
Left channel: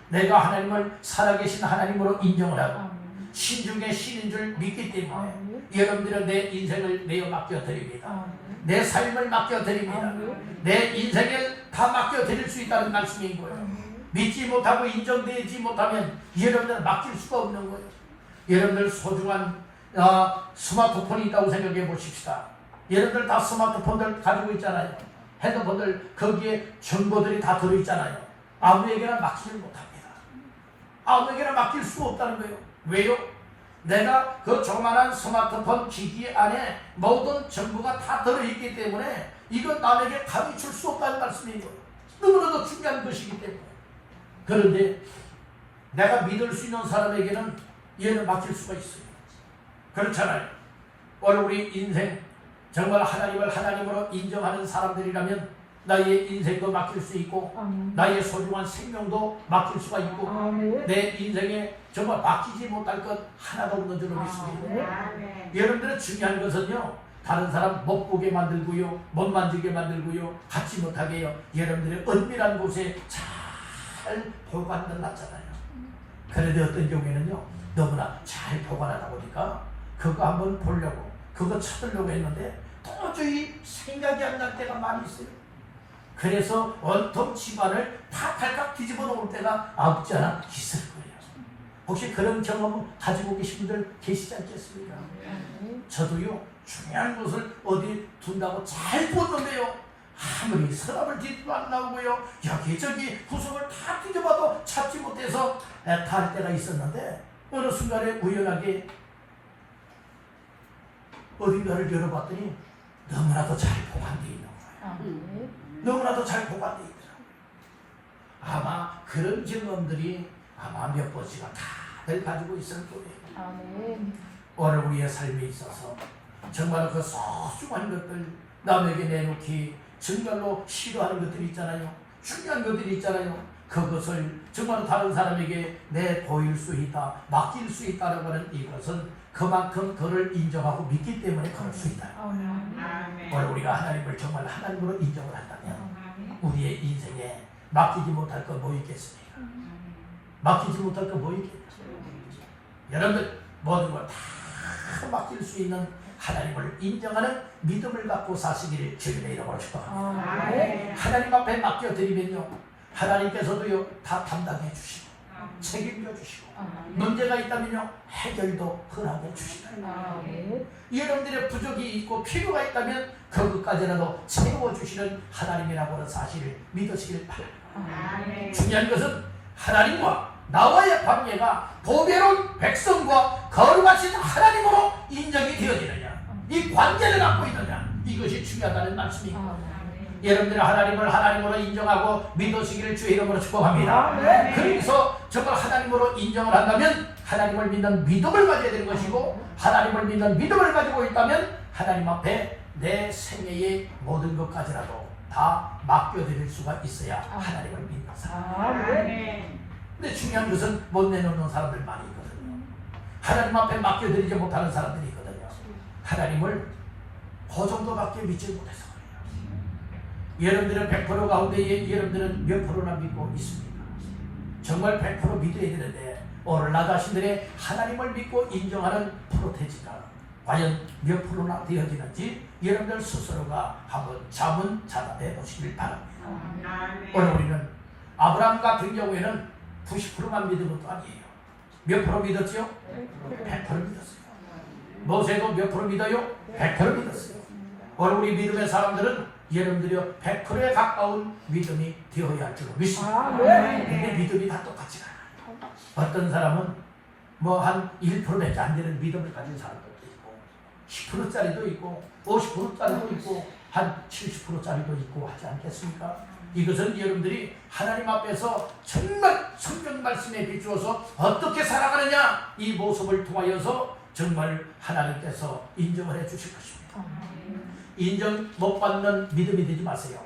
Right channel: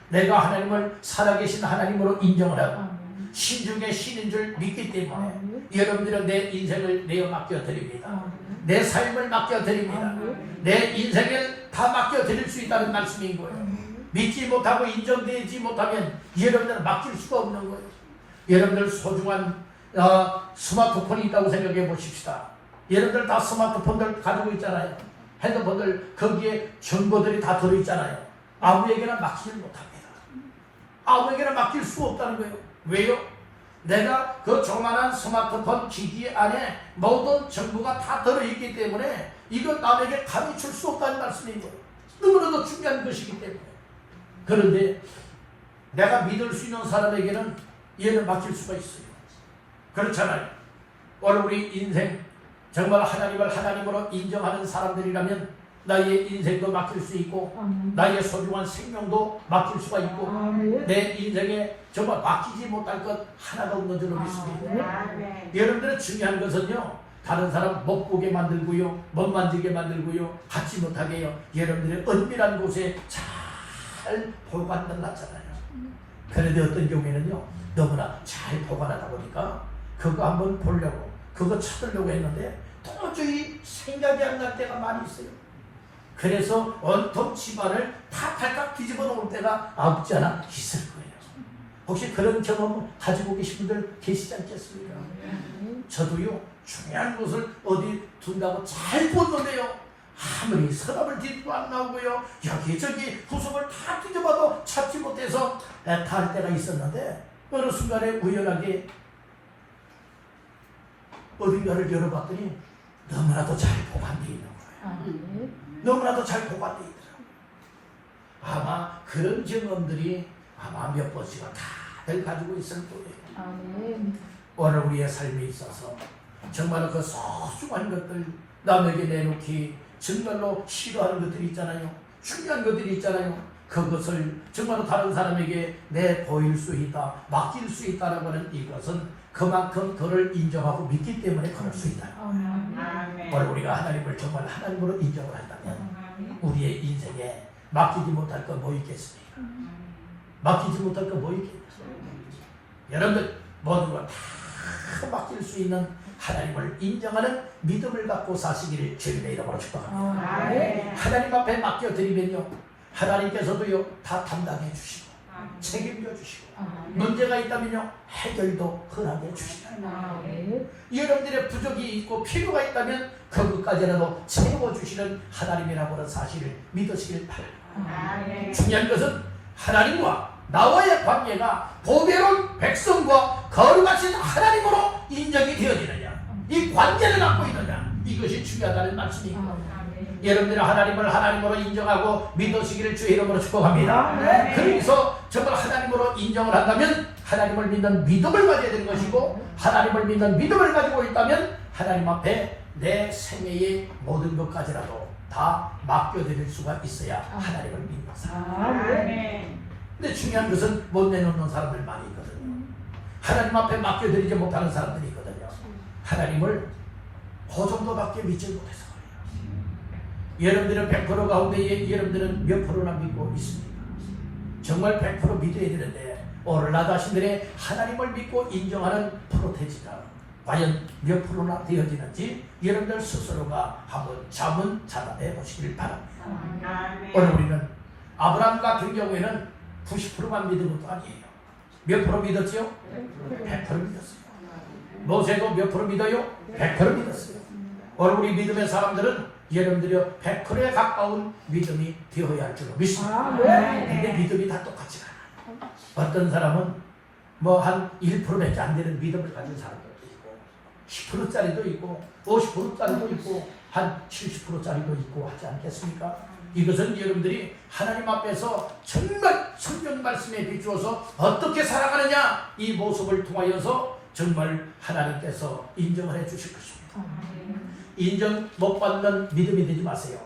내가 하나님을 살아계신 하나님으로 인정을 하고 신 중에 신인 줄 믿기 때문에 여러분들은 내 인생을 내어 맡겨드립니다. 내 삶을 맡겨드립니다. 내 인생을 다 맡겨드릴 수 있다는 말씀인 거예요. 믿지 못하고 인정되지 못하면 여러분들은 맡길 수가 없는 거예요. 여러분들 소중한 스마트폰이 있다고 생각해 보십시다. 여러분들 다 스마트폰들 가지고 있잖아요. 핸드폰들 거기에 정보들이 다 들어있잖아요. 아무에게나 맡기지 못합니다. 아무에게나 맡길 수 없다는 거예요. 왜요? 내가 그 조그만한 스마트폰 기기 안에 모든 정보가 다 들어있기 때문에 이건 남에게 감히 줄 수 없다는 말씀인 거예요. 너무나도 중요한 것이기 때문에. 그런데 내가 믿을 수 있는 사람에게는 얘를 맡길 수가 있어요. 그렇잖아요. 오늘 우리 인생 정말 하나님을 하나님으로 인정하는 사람들이라면 나의 인생도 맡길 수 있고 나의 소중한 생명도 맡길 수가 있고 내 인생에 정말 맡기지 못할 것 하나도 없는 줄로 믿습니다. 여러분들은 중요한 것은요, 다른 사람 못 보게 만들고요, 못 만지게 만들고요, 갖지 못하게 해요. 여러분들의 은밀한 곳에 잘 보관을 놨잖아요. 그런데 어떤 경우에는요, 너무나 잘 보관하다 보니까 그거 한번 보려고 그거 찾으려고 했는데 도저히 생각이 안 날 때가 많이 있어요. 그래서 온통 집안을 다 발칵 뒤집어 놓을 때가 없지 않아 있을 거예요. 혹시 그런 경험 가지고 계신 분들 계시지 않겠습니까? 저도요, 중요한 것을 어디 둔다고 잘 보는데요, 아무리 서랍을 뒤집어 안 나오고요, 여기저기 구석을 다 뒤집어도 찾지 못해서 갈 때가 있었는데 어느 순간에 우연하게 어딘가를 열어봤더니 너무나도 잘 보관되어 있는 거예요. 너무나도 잘 보관되어 있더라고요. 아마 그런 경험들이 아마 몇 번씩은 다들 가지고 있을 거예요. 오늘 우리의 삶에 있어서 정말 그 소중한 것들 남에게 내놓기 정말로 싫어하는 것들이 있잖아요. 중요한 것들이 있잖아요. 그것을 정말 다른 사람에게 내 보일 수 있다, 맡길 수 있다라고 하는 이것은 그만큼 그를 인정하고 믿기 때문에 그럴 수 있다. 오늘 우리가 하나님을 정말 하나님으로 인정을 한다면 우리의 인생에 맡기지 못할 것 뭐 있겠습니까? 맡기지 못할 것 뭐 있겠습니까? 여러분들 모든 걸 다 맡길 수 있는 하나님을 인정하는 믿음을 갖고 사시기를 주님의 이름으로 축복합니다. 하나님 앞에 맡겨드리면요, 하나님께서도요 다 담당해 주시고 책임져 주시고 문제가 있다면요 해결도 허락해 주시다. 여러분들의 부족이 있고 필요가 있다면 그것까지라도 채워주시는 하나님이라고 하는 사실을 믿으시길 바랍니다. 중요한 것은 하나님과 나와의 관계가 보배로운 백성과 거룩하신 하나님으로 인정이 되어지느냐, 이 관계를 갖고 있느냐, 이것이 중요하다는 말씀입니다. 여러분들이 하나님을 하나님으로 인정하고 믿으시기를 주의 이름으로 축복합니다. 그래서 정말 하나님으로 인정을 한다면 하나님을 믿는 믿음을 가져야 되는 것이고, 하나님을 믿는 믿음을 가지고 있다면 하나님 앞에 내 생애의 모든 것까지라도 다 맡겨드릴 수가 있어야 하나님을 믿는 사람. 근데 중요한 것은 못 내놓는 사람들 많이 있거든요. 하나님 앞에 맡겨드리지 못하는 사람들이 있거든요. 하나님을 그 정도밖에 믿지 못해서 그래요. 여러분들은 100% 가운데 여러분들은 몇 프로나 믿고 있습니까? 정말 100% 믿어야 되는데 오늘 나 자신들의 하나님을 믿고 인정하는 프로테지가 과연 몇 프로나 되어지는지 여러분들 스스로가 한번 자문 자답해 보시길 바랍니다. 오늘 우리는 아브라함 같은 경우에는 90%만 믿은 것도 아니에요. 몇 프로 믿었죠? 100% 믿었어요. 모세도 몇 프로 믿어요? 100% 믿었어요. 오늘 우리 믿음의 사람들은 여러분들이 100%에 가까운 믿음이 되어야 할 줄로 믿습니다. 근데 믿음이 다 똑같지 않아요. 어떤 사람은 뭐 한 1%밖에 안 되는 믿음을 가진 사람들도 있고 10%짜리도 있고 50%짜리도 있고 한 70%짜리도 있고 하지 않겠습니까? 이것은 여러분들이 하나님 앞에서 정말 성경 말씀에 비추어서 어떻게 살아가느냐, 이 모습을 통하여서 정말 하나님께서 인정을 해 주실 것입니다. 인정 못 받는 믿음이 되지 마세요.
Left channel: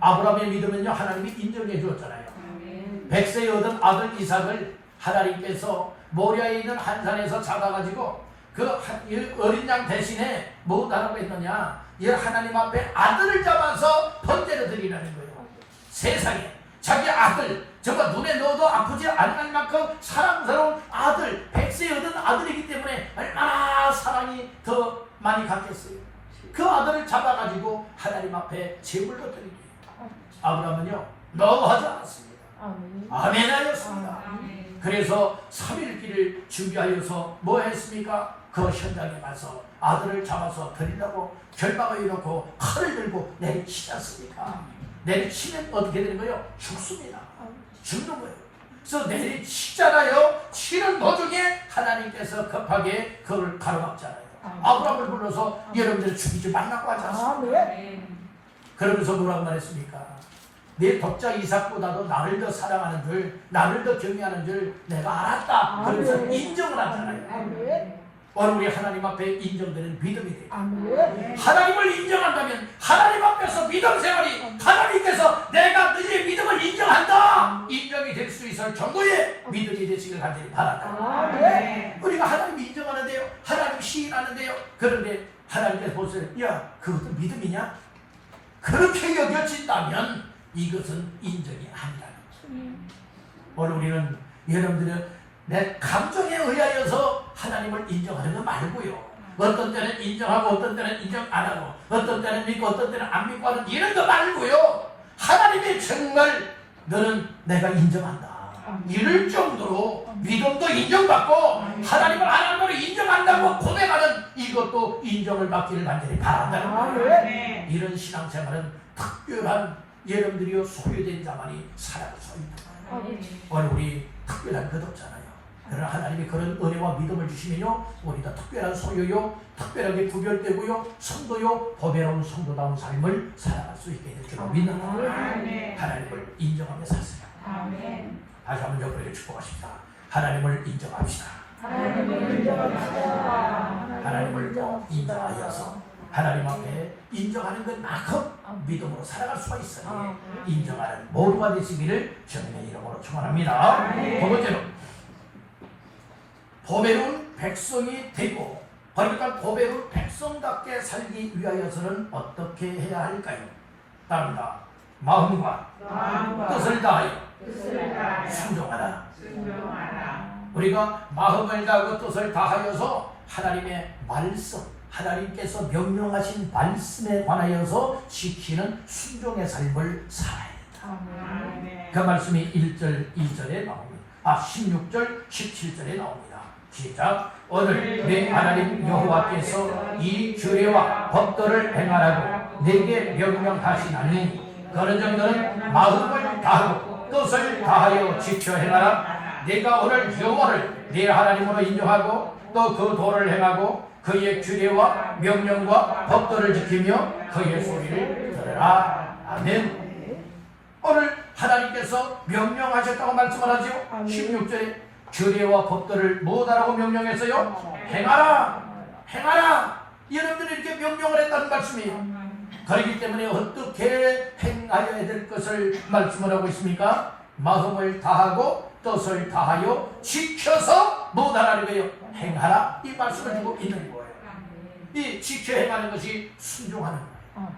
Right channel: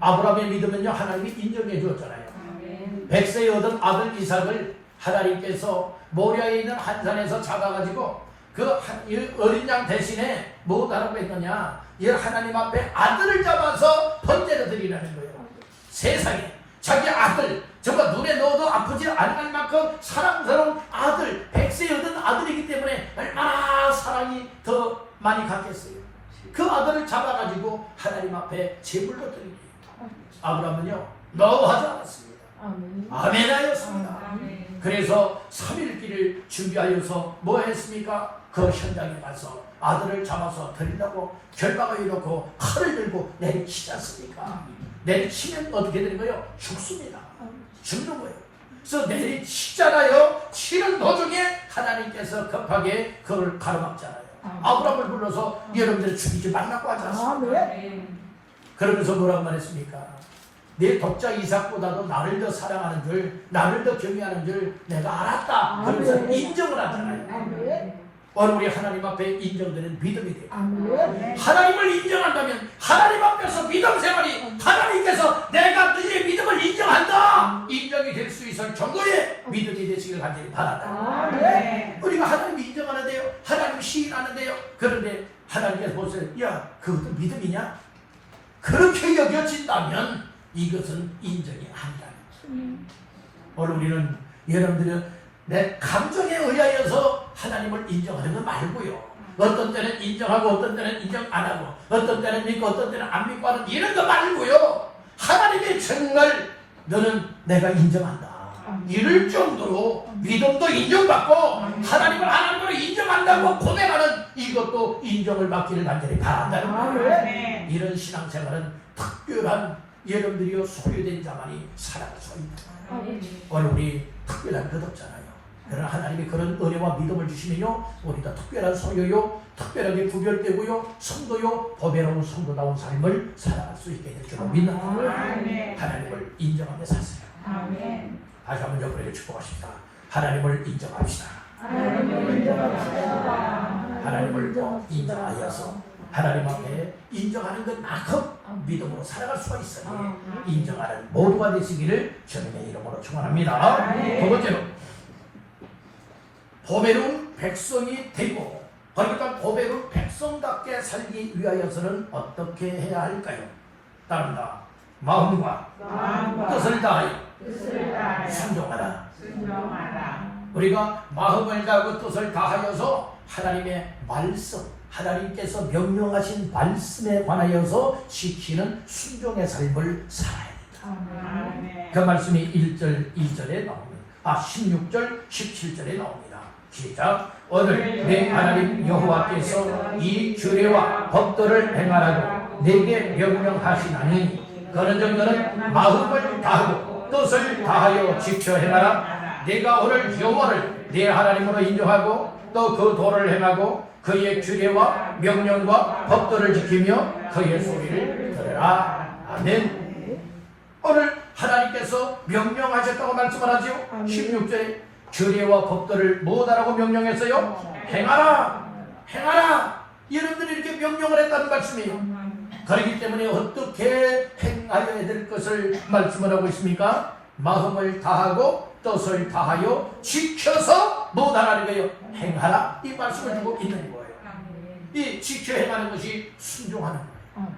아브라함의 믿음은요 하나님이 인정해 주었잖아요. 100세에 얻은 아들 이삭을 하나님께서 모리아에 있는 한 산에서 잡아가지고 그 어린 양 대신에 뭐 하라고 했느냐, 이 하나님 앞에 아들을 잡아서 번제를 드리라는 거예요. 세상에 자기 아들, 정말 눈에 넣어도 아프지 않을 만큼 사랑스러운 아들, 100세에 얻은 아들이기 때문에 얼마나 사랑이 더 많이 갔겠어요. 그 아들을 잡아가지고 하나님 앞에 제물로 드리기. 아브라함은요 너무하지 않았습니다. 아멘 하였습니다. 그래서 3일길을 준비하여서 뭐 했습니까? 그 현장에 가서 아들을 잡아서 드리려고 결박을 해놓고 칼을 들고 내리치지 않습니까? 내리치면 어떻게 되는 거예요? 죽습니다. 죽는 거예요. 그래서 내리치잖아요. 치는 도중에 하나님께서 급하게 그걸 가로막잖아요. 아브라함을 불러서 여러분들 죽이지 말라고 하지 않습니까? 그러면서 뭐라고 말했습니까? 내 독자 이삭보다도 나를 더 사랑하는 줄, 나를 더 경외하는 줄 내가 알았다. 그러면서 인정을 하잖아요. 오늘 우리 하나님 앞에 인정되는 믿음이 돼요. 하나님을 인정한다면 하나님 앞에서 믿음 생활이 하나님께서 내가 너희의 믿음을 인정한다, 인정이 될 수 있을 정도의 믿음이 되시길 간절히 바란다. 우리가 하나님 인정하는데요, 하나님 시인하는데요, 그런데 하나님께서 보세요, 야 그것도 믿음이냐? 그렇게 여겨진다면 이것은 인정이 아니다. 오늘 우리는 여러분들은 내 감정에 의하여서 하나님을 인정하는 거 말고요, 어떤 때는 인정하고 어떤 때는 인정 안 하고 어떤 때는 믿고 어떤 때는 안 믿고 하는 이런 거 말고요, 하나님이 정말 너는 내가 인정한다 이럴 정도로 믿음도 인정받고 하나님을 하나님으로 인정한다고 고백하는 이것도 인정을 받기를 간절히 바란다는 거예요. 이런 신앙생활은 특별한 여러분들이 소유된 자만이 살아갈 수 있다. 오늘 우리 특별한 것 없잖아요. 그러나 하나님이 그런 은혜와 믿음을 주시면요 우리가 특별한 소유요, 특별하게 구별되고요, 성도요, 보배로운 성도다운 삶을 살아갈 수 있게 될 줄로 믿는 거예요. 하나님을 인정하며 사세요. 다시 한번 여러분에게 축복하십니다. 하나님을 인정합시다. 하나님을 꼭 인정하여서 하나님 앞에 인정하는 것만큼 믿음으로 살아갈 수가 있으니 인정하는 모두가 되시기를 주님의 이름으로 축원합니다. 두 번째로 보배로운 백성이 되고, 그러니까 보배로운 백성답게 살기 위하여서는 어떻게 해야 할까요? 따릅니다. 마음과 뜻을 다하여 순종하라. 우리가 마음을 다하고 뜻을 다하여서 하나님의 말씀, 하나님께서 명령하신 말씀에 관하여서 지키는 순종의 삶을 살아야 합니다. 그 말씀이 1절, 2절에 나옵니다. 16절, 17절에 나옵니다. 시작. 오늘 내 하나님 여호와께서 이 규례와 법도를 행하라고 내게 명령하시나니 그런즉 너는 마음을 다하고 뜻을 다하여 지켜 행하라. 내가 오늘 여호와를 내 하나님으로 인정하고 또 그 도를 행하고 그의 규례와 명령과 법도를 지키며 그의 소리를 들으라. 아멘. 오늘 하나님께서 명령하셨다고 말씀을 하죠. 16절에 규례와 법도를 무엇하라고 명령했어요? 행하라. 행하라. 여러분들이 이렇게 명령을 했다는 말씀이에요. 그렇기 때문에 어떻게 행하여야 될 것을 말씀을 하고 있습니까? 마음을 다하고 뜻을 다하여 지켜서 무엇하라는 거예요? 행하라. 이 말씀을 주고 있는 거예요. 이 지켜 행하는 것이 순종하는 거예요.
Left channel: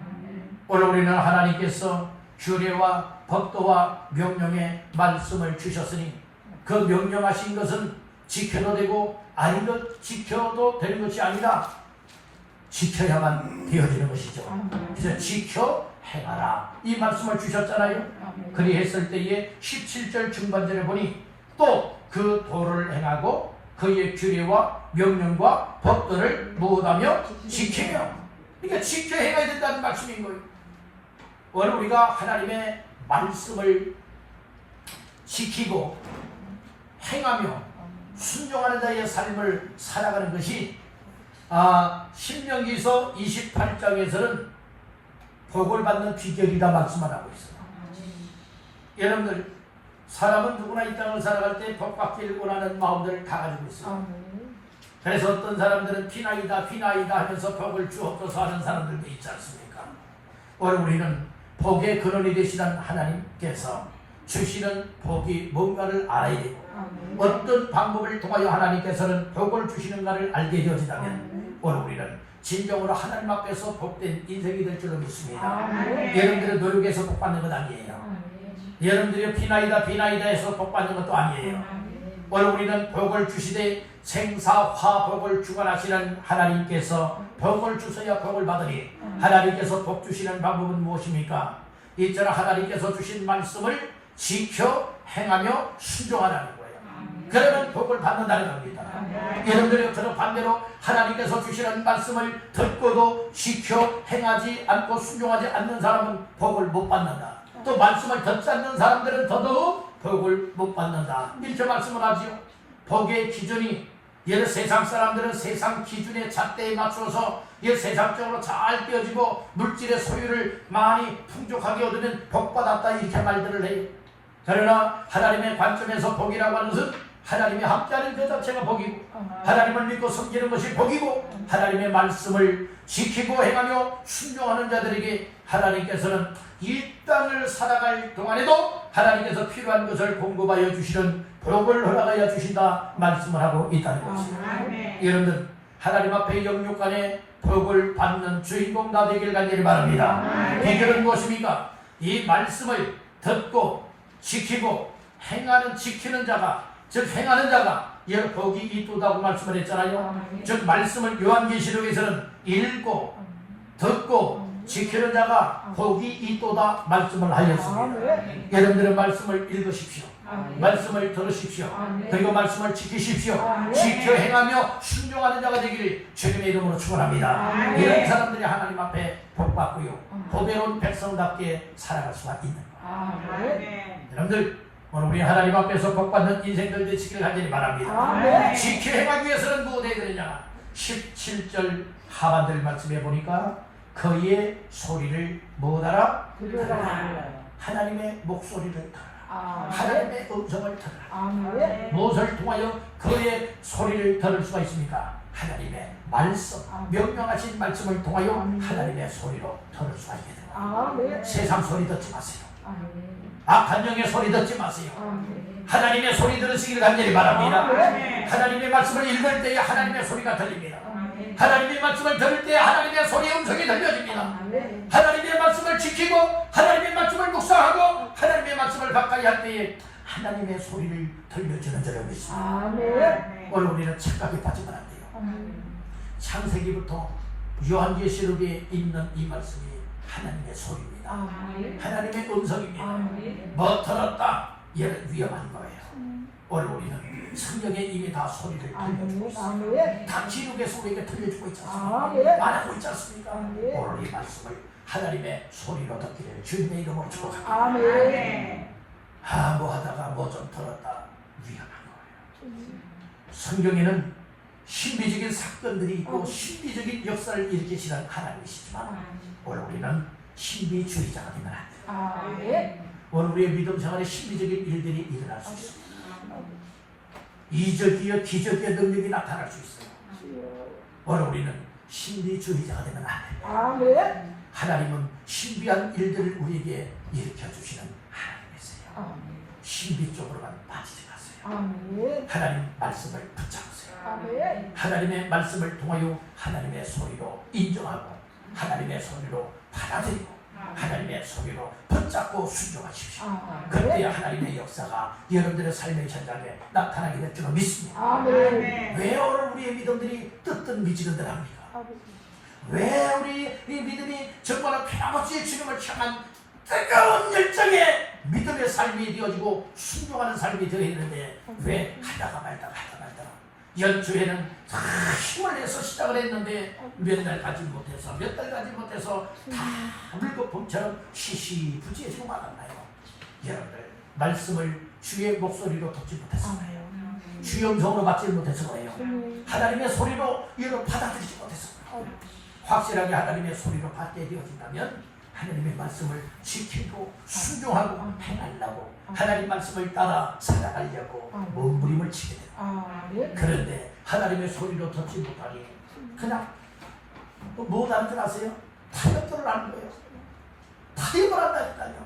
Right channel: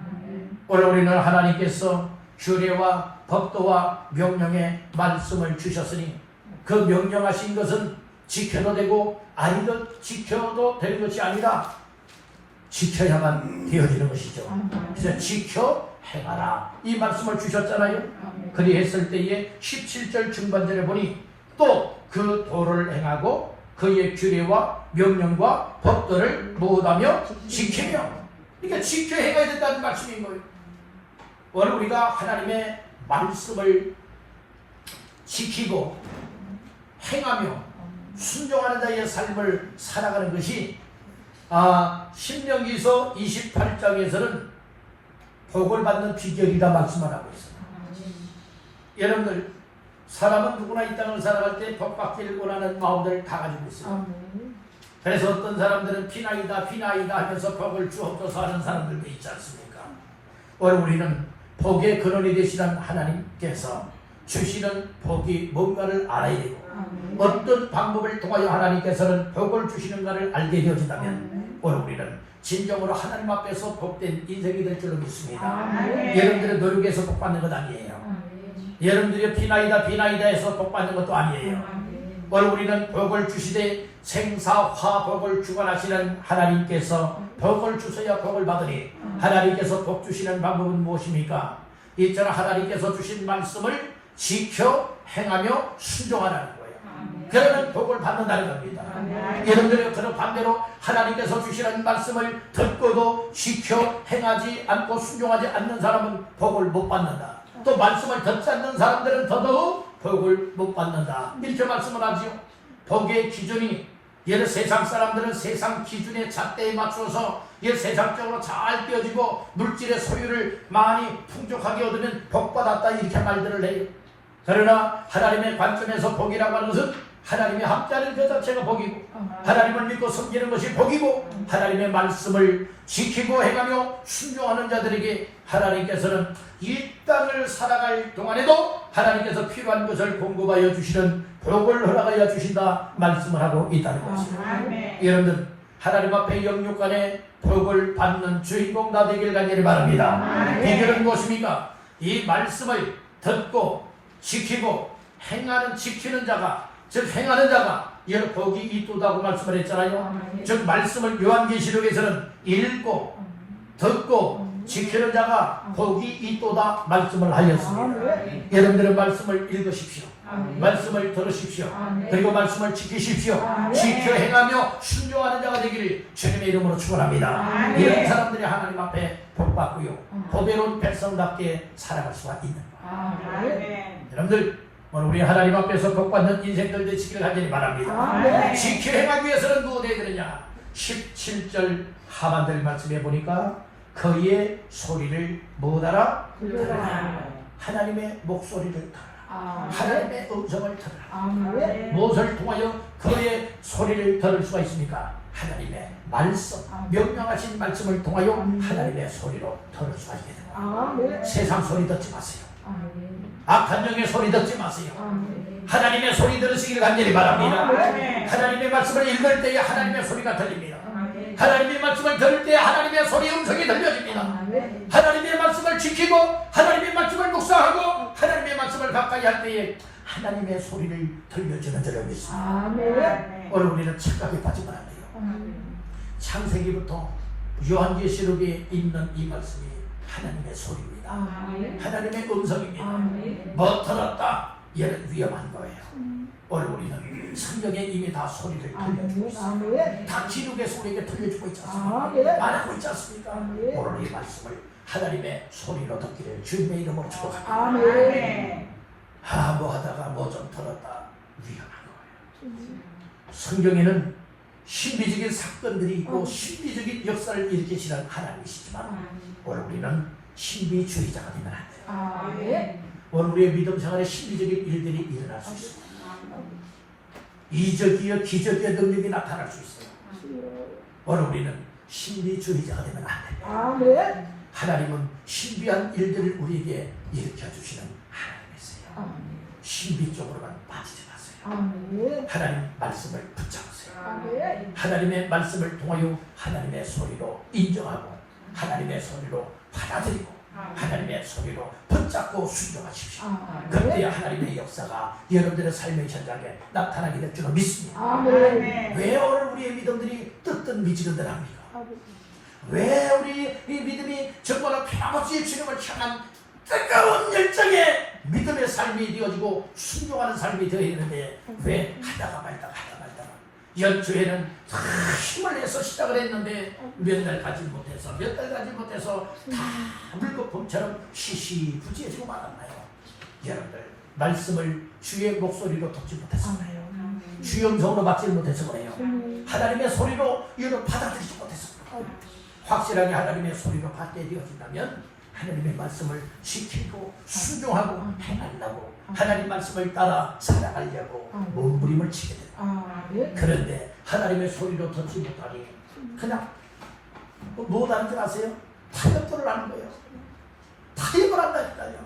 오늘 우리는 하나님께서 규례와 법도와 명령의 말씀을 주셨으니 그 명령하신 것은 지켜도 되고 아니도 지켜도 되는 것이 아니라 지켜야만 되어지는 것이죠. 그래서 지켜 행하라 이 말씀을 주셨잖아요. 그리했을 때에 17절 중반절에 보니 또 그 도를 행하고 그의 규례와 명령과 법도를 모두하며 지키며, 그러니까 지켜 행해야 된다는 말씀인 거예요. 오늘 우리가 하나님의 말씀을 지키고 행하며 순종하는 자의 삶을 살아가는 것이 신명기서 28장에서는 복을 받는 비결이라 말씀을 하고 있습니다. 여러분들 사람은 누구나 이 땅을 살아갈 때 복 받기를 원하는 마음들을 다 가지고 있어요. 그래서 어떤 사람들은 피나이다 하면서 복을 주옵소서 하는 사람들도 있지 않습니까? 오늘 우리는 복의 근원이 되시는 하나님께서 주시는 복이 뭔가를 알아야 되고 어떤 방법을 통하여 하나님께서는 복을 주시는가를 알게 되어진다면 오늘 우리는 진정으로 하나님 앞에서 복된 인생이 될 줄로 믿습니다. 여러분들의 노력에서 복 받는 것 아니에요. 여러분들이 피나이다 해서 복 받는 것도 아니에요. 오늘 우리는 복을 주시되 생사화복을 주관하시는 하나님께서 복을 주셔야 복을 받으니 하나님께서 복 주시는 방법은 무엇입니까? 이처럼 하나님께서 주신 말씀을 지켜 행하며 순종하라는 거예요. 그러면 복을 받는다는 겁니다. 여러분들이 저는 반대로 하나님께서 주시는 말씀을 듣고도 지켜 행하지 않고 순종하지 않는 사람은 복을 못 받는다. 또 말씀을 듣지 않는 사람들은 더더욱 복을 못 받는다. 이렇게 말씀을 하지요. 복의 기준이 예를 세상 사람들은 세상 기준의 잣대에 맞춰서 세상적으로 잘 떼어지고 물질의 소유를 많이 풍족하게 얻으면 복받았다 이렇게 말들을 해요. 그러나 하나님의 관점에서 복이라고 하는 것은 하나님의 함께하는 그 자체가 복이고 하나님을 믿고 섬기는 것이 복이고 하나님의 말씀을 지키고 행하며 순종하는 자들에게 하나님께서는 이 땅을 살아갈 동안에도 하나님께서 필요한 것을 공급하여 주시는 복을 허락하여 주신다 말씀을 하고 있다는 것입니다. 여러분들 하나님 앞에 영육간에 복을 받는 주인공 다 되길 간절히 바랍니다. 비결은 무엇입니까? 이 말씀을 듣고 지키고 지키는 자가 즉 행하는 자가 여러 복이 있도다고 말씀을 했잖아요. 즉 말씀을 요한계시록에서는 읽고 듣고 지키는 자가 복이 있도다 말씀을 하였습니다. 여러분들은 말씀을 읽으십시오. 말씀을 들으십시오. 그리고 말씀을 지키십시오. 지켜 행하며 순종하는 자가 되기를 주님의 이름으로 축원합니다. 이런 사람들이 하나님 앞에 복 받고요 보배로운 백성답게 살아갈 수가 있는 거예요. 여러분들 오늘 우리 하나님 앞에서 복받는 인생들 되시기를 간절히 바랍니다. 지켜 행하기 위해서는 무엇 해야 되느냐? 17절 하반절 말씀해 보니까 그의 소리를 뭐하라? 들으라. 하나님의 목소리를 들으라. 하나님의 음성을 들으라. 무엇을 통하여? 그의 소리를 들을 수가 있습니까? 하나님의 말씀, 명령하신 말씀을 통하여 하나님의 소리로 들을 수가 있게 됩니다. 세상 소리 듣지 마세요. 악한 영의 소리 듣지 마세요. 하나님의 소리 들으시기를 간절히 바랍니다. 하나님의 말씀을 읽을 때에 하나님의 소리가 들립니다. 하나님의 말씀을 들을 때 하나님의 소리의 음성이 들려집니다. 하나님의 말씀을 지키고 하나님의 말씀을 묵상하고 하나님의 말씀을 가까이 할 때에 하나님의 소리를 들려주는 줄을 믿습니다. 오늘 우리는 착각에 빠지면 안 돼요. 창세기부터 요한계시록에 있는 이 말씀이 하나님의 소리입니다. 하나님의 음성입니다. 뭐 들었다? 얘는 위험한 거예요. 오늘 우리는 성경에 이미 다 소리를 들려주고 있습니다. 다 기록에서 우리에게 들려주고 있지 않습니까? 말하고 있지 않습니까? 오늘 이 말씀을 하나님의 소리로 듣기를 주님의 이름으로 축복합니다. 뭐 하다가 뭐 좀 들었다. 위험한 거예요. 성경에는 신비적인 사건들이 있고 신비적인 역사를 일으키시는 하나님이시지만 오늘 우리는 신비주의자가 되면 안 돼요. 오늘 우리의 믿음 생활에 신비적인 일들이 일어날 수 있습니다. 이적이여 기적의 능력이 나타날 수 있어요. 오늘 우리는 신비주의자가 되면 안 됩니다. 하나님은 신비한 일들을 우리에게 일으켜주시는 하나님이세요. 신비 쪽으로만 빠지지 마세요. 하나님 말씀을 붙잡으세요. 하나님의 말씀을 통하여 하나님의 소리로 인정하고 하나님의 소리로 받아들이고 하나님의 소리로 붙잡고 순종하십시오. 그때 하나님의 역사가 여러분들의 삶의 현장에 나타나게 될 줄로 믿습니다. 왜 오늘 우리의 믿음들이 뜨뜻미지근들합니까? 왜 우리 이 믿음이 정말 변함없이 주님을 향한 뜨거운 열정의 믿음의 삶이 되어지고 순종하는 삶이 되어야 되는데 왜 하다가 말다가 연초에는 힘을 내서 시작을 했는데 몇 달 가지 못해서 몇 달 가지 못해서 다 물거품처럼 시시부지해지고 말았나요? 여러분들 말씀을 주의 목소리로 듣지 못해서 그래요. 주의 음성으로 받지 못해서 그래요. 하나님의 소리로 이를 받아들이지 못해서 그래요. 확실하게 하나님의 소리로 받게 되어진다면 하나님의 말씀을 지키고 순종하고 행하려고 하나님 말씀을 따라 살아가려고 몸부림을 치게 됩니다. 그런데 하나님의 소리로 듣지 못하니 그냥 뭐 하는 줄 아세요? 타협들을 하는 거예요. 타협을 한다니까요.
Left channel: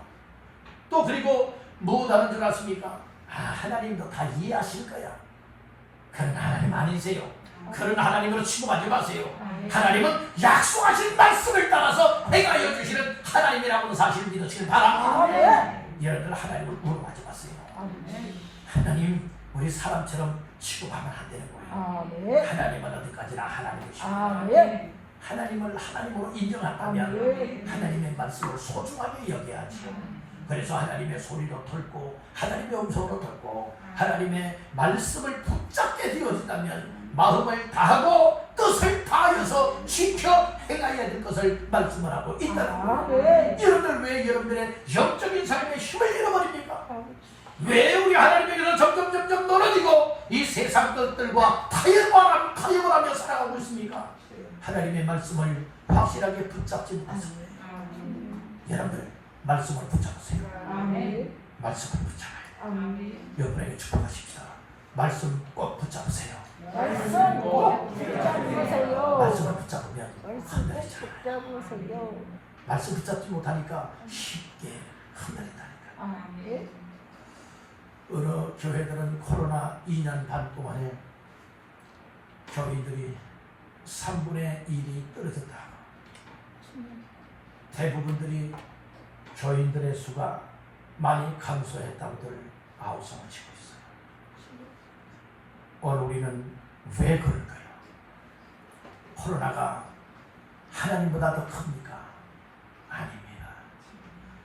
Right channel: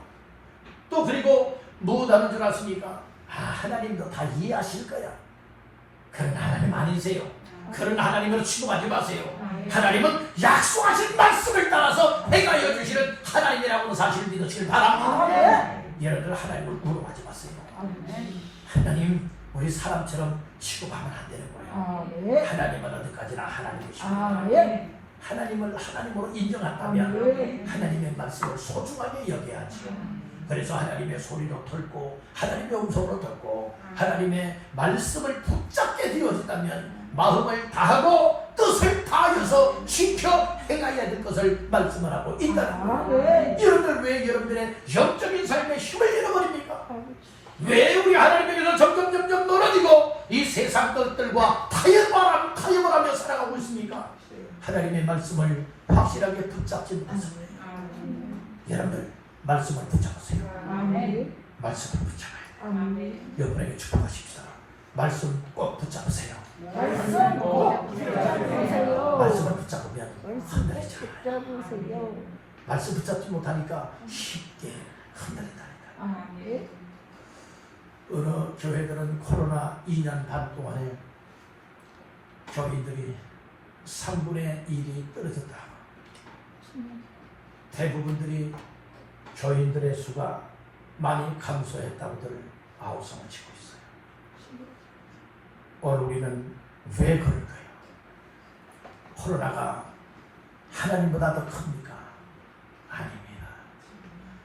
또 그리고 뭐 하는 줄 아십니까? 하나님도 다 이해하실 거야. 그런 하나님 아니세요. 그런 하나님으로 취급하지 마세요. 하나님은 약속하신 말씀을 따라서 행하여 주시는 하나님이라고는 사실을 믿으시길 바랍니다. 여러분들 하나님을 물어보지 마세요. 하나님 우리 사람처럼 취급하면 안 되는 거예요. 하나님은 어디까지나 하나님이십니다. 하나님을 하나님으로 인정한다면 하나님의 말씀을 소중하게 여겨야지요. 그래서 하나님의 소리로 듣고 하나님의 음성으로 듣고 하나님의 말씀을 붙잡게 되어진다면 마음을 다하고 뜻을 다하여서 지켜 행해야 될 것을 말씀을 하고 있다는 거예요. 여러분들 왜 여러분들의 영적인 삶에 힘을 잃어버립니까? 왜 우리 하나님에게서 점점 멀어지고 이 세상 것들과 타협을 하며 살아가고 있습니까? 하나님의 말씀을 확실하게 붙잡지 못해서 여러분들 말씀을 붙잡으세요. 말씀을 붙잡아요. 여러분에게 축복하십시오. 말씀 꼭 붙잡으세요. 말씀을 붙잡으면 흔들리잖아요. 말씀 붙잡지 못하니까 쉽게 흔들린다니까. 어느 교회들은 코로나 2년 반 동안에 교인들이 3분의 1이 떨어졌다. 대부분들이 교인들의 수가 많이 감소했다고들 아우성을 치고 있어요. 오늘 우리는 왜 그럴까요? 코로나가 하나님보다 더 큽니까? 아닙니다.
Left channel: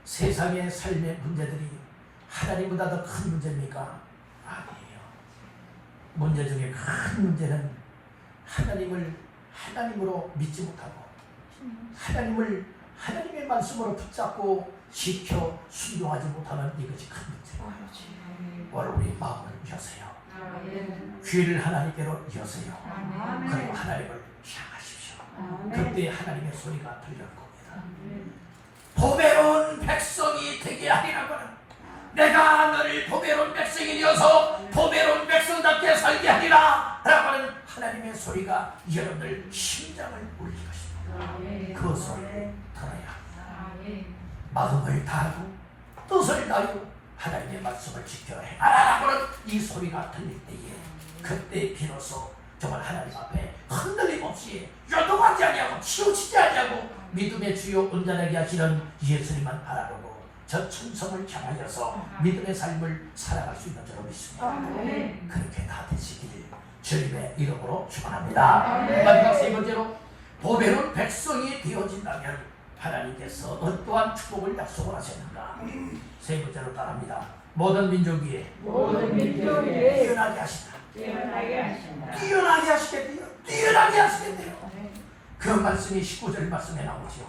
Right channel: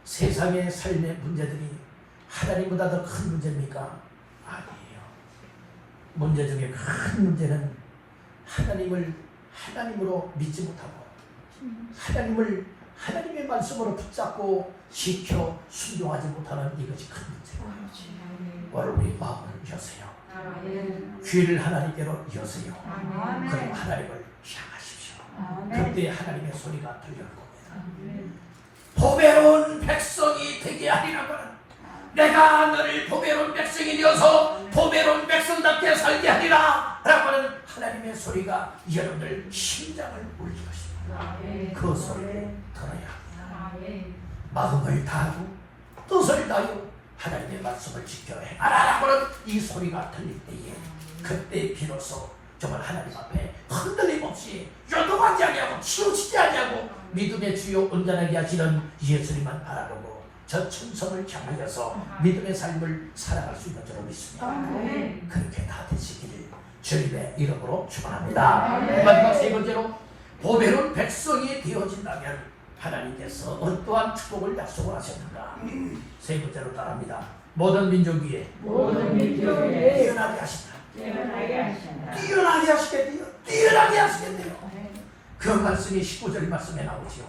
세상의 삶의 문제들이 하나님보다 더 큰 문제입니까? 아니에요. 문제 중에 큰 문제는 하나님을 하나님으로 믿지 못하고 하나님의 말씀으로 붙잡고 지켜 순종하지 못하는 이것이 큰 문제입니다. 오늘 우리 마음을 여세요. 귀를 하나님께로 여세요. 그리고 하나님을 향하십시오. 그때 하나님의 소리가 들릴 겁니다. 보배로운 백성이 되게 하리라고는 내가 너를 보배로운 백성이 되어서 보배로운 백성답게 살게 하리라 라고 하는 하나님의 소리가 여러분들 심장을 울릴 것입니다. 그 소리를 들어야 합니다. 마음을 다하고 뜻을 다하고 하나님의 말씀을 지켜야 해라라고 하는 이 소리가 들릴 때에 그때 비로소 정말 하나님 앞에 흔들림 없이 요동하지 아니하고 치우치지 아니하고 믿음의 주요 온전하게 하시는 예수님만 바라보고 저 천성을 향하여서 믿음의 삶을 살아갈 수 있는 줄로 믿습니다. 그렇게 다 되시기를 주님의 이름으로 축원합니다. 마지막 세 번째로 보배로운 백성이 되어진다면 하나님께서 어떠한 축복을 약속을 하셨는가. 세 번째로 따라합니다. 모든 민족 위에 뛰어나게 하신다. 뛰어나게 하시겠대요. 뛰어나게 하시겠대요. 그 말씀이 19절 말씀에 나오죠.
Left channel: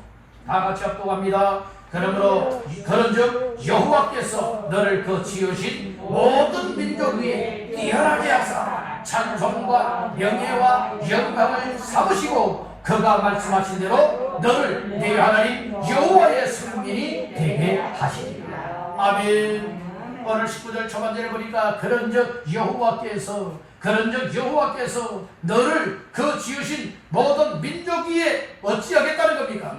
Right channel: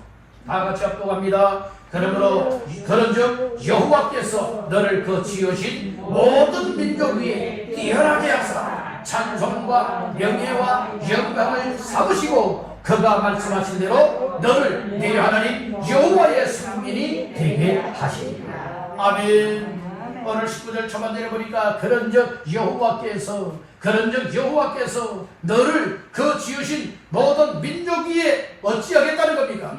다 같이 합독합니다. 그러므로 그런즉 여호와께서 너를 그 지으신 모든 민족 위에 뛰어나게 하사 찬송과 명예와 영광을 삼으시고 그가 말씀하신 대로 너를 네 하나님 여호와의 성민이 되게 하시리라. 아멘. 오늘 19절 초반절에 보니까 그런즉 여호와께서 너를 그 지으신 모든 민족 위에 어찌하겠다는 겁니까?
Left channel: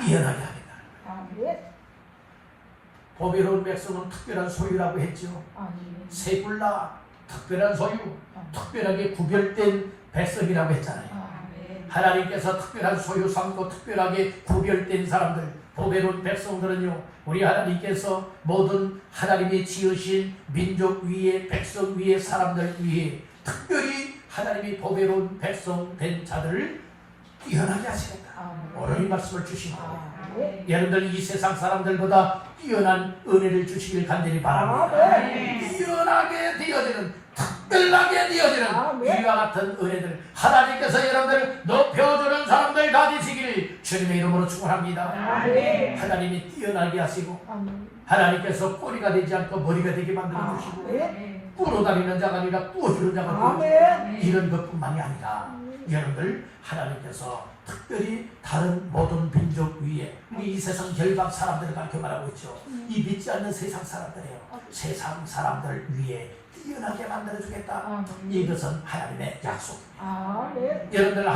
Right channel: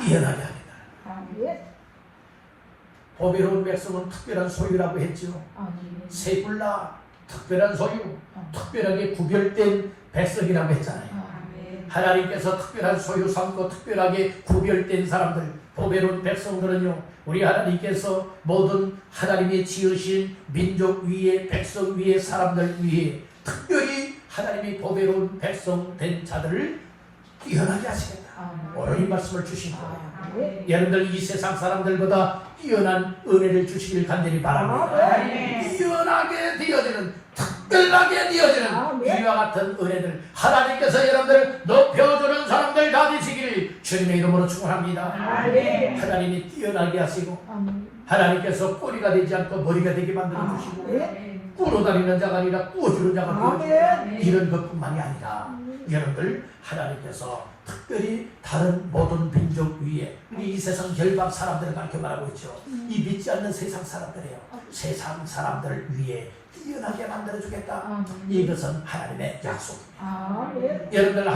뛰어나게 하겠다. 보배로운 백성은 특별한 소유라고 했죠. 세불라 특별한 소유, 특별하게 구별된 백성이라고 했잖아요. 하나님께서 특별한 소유 삼고 특별하게 구별된 사람들, 보배로운 백성들은요, 우리 하나님께서 모든 하나님이 지으신 민족 위에, 백성 위에, 사람들 위에 특별히 하나님이 보배로운 백성 된 자들을 뛰어나게 하시겠다. 오늘 이 말씀을 주신 거예요. 여러분들 이 세상 사람들보다 뛰어난 은혜를 주시길 간절히 바랍니다. 뛰어나게 되어지는, 특별하게 되어지는 이와 같은 은혜들 하나님께서 여러분들 높여주는 사람들 다 되시기를 주님의 이름으로 축원합니다. 하나님이 뛰어나게 하시고 하나님께서 꼬리가 되지 않고 머리가 되게 만들어 주시고 꾸러다니는 자가 아니라 꾸어주는 자가 되어주고 이런 것뿐만이 아니라 여러분들 하나님께서 특별히 다른 모든 민족 위에 이 세상 열방 사람들을 가르쳐 말하고 있죠. 이 믿지 않는 세상 사람들이에요. 세상 사람들 위에 뛰어나게 만들어주겠다. 이것은 하나님의 약속입니다. 여러분들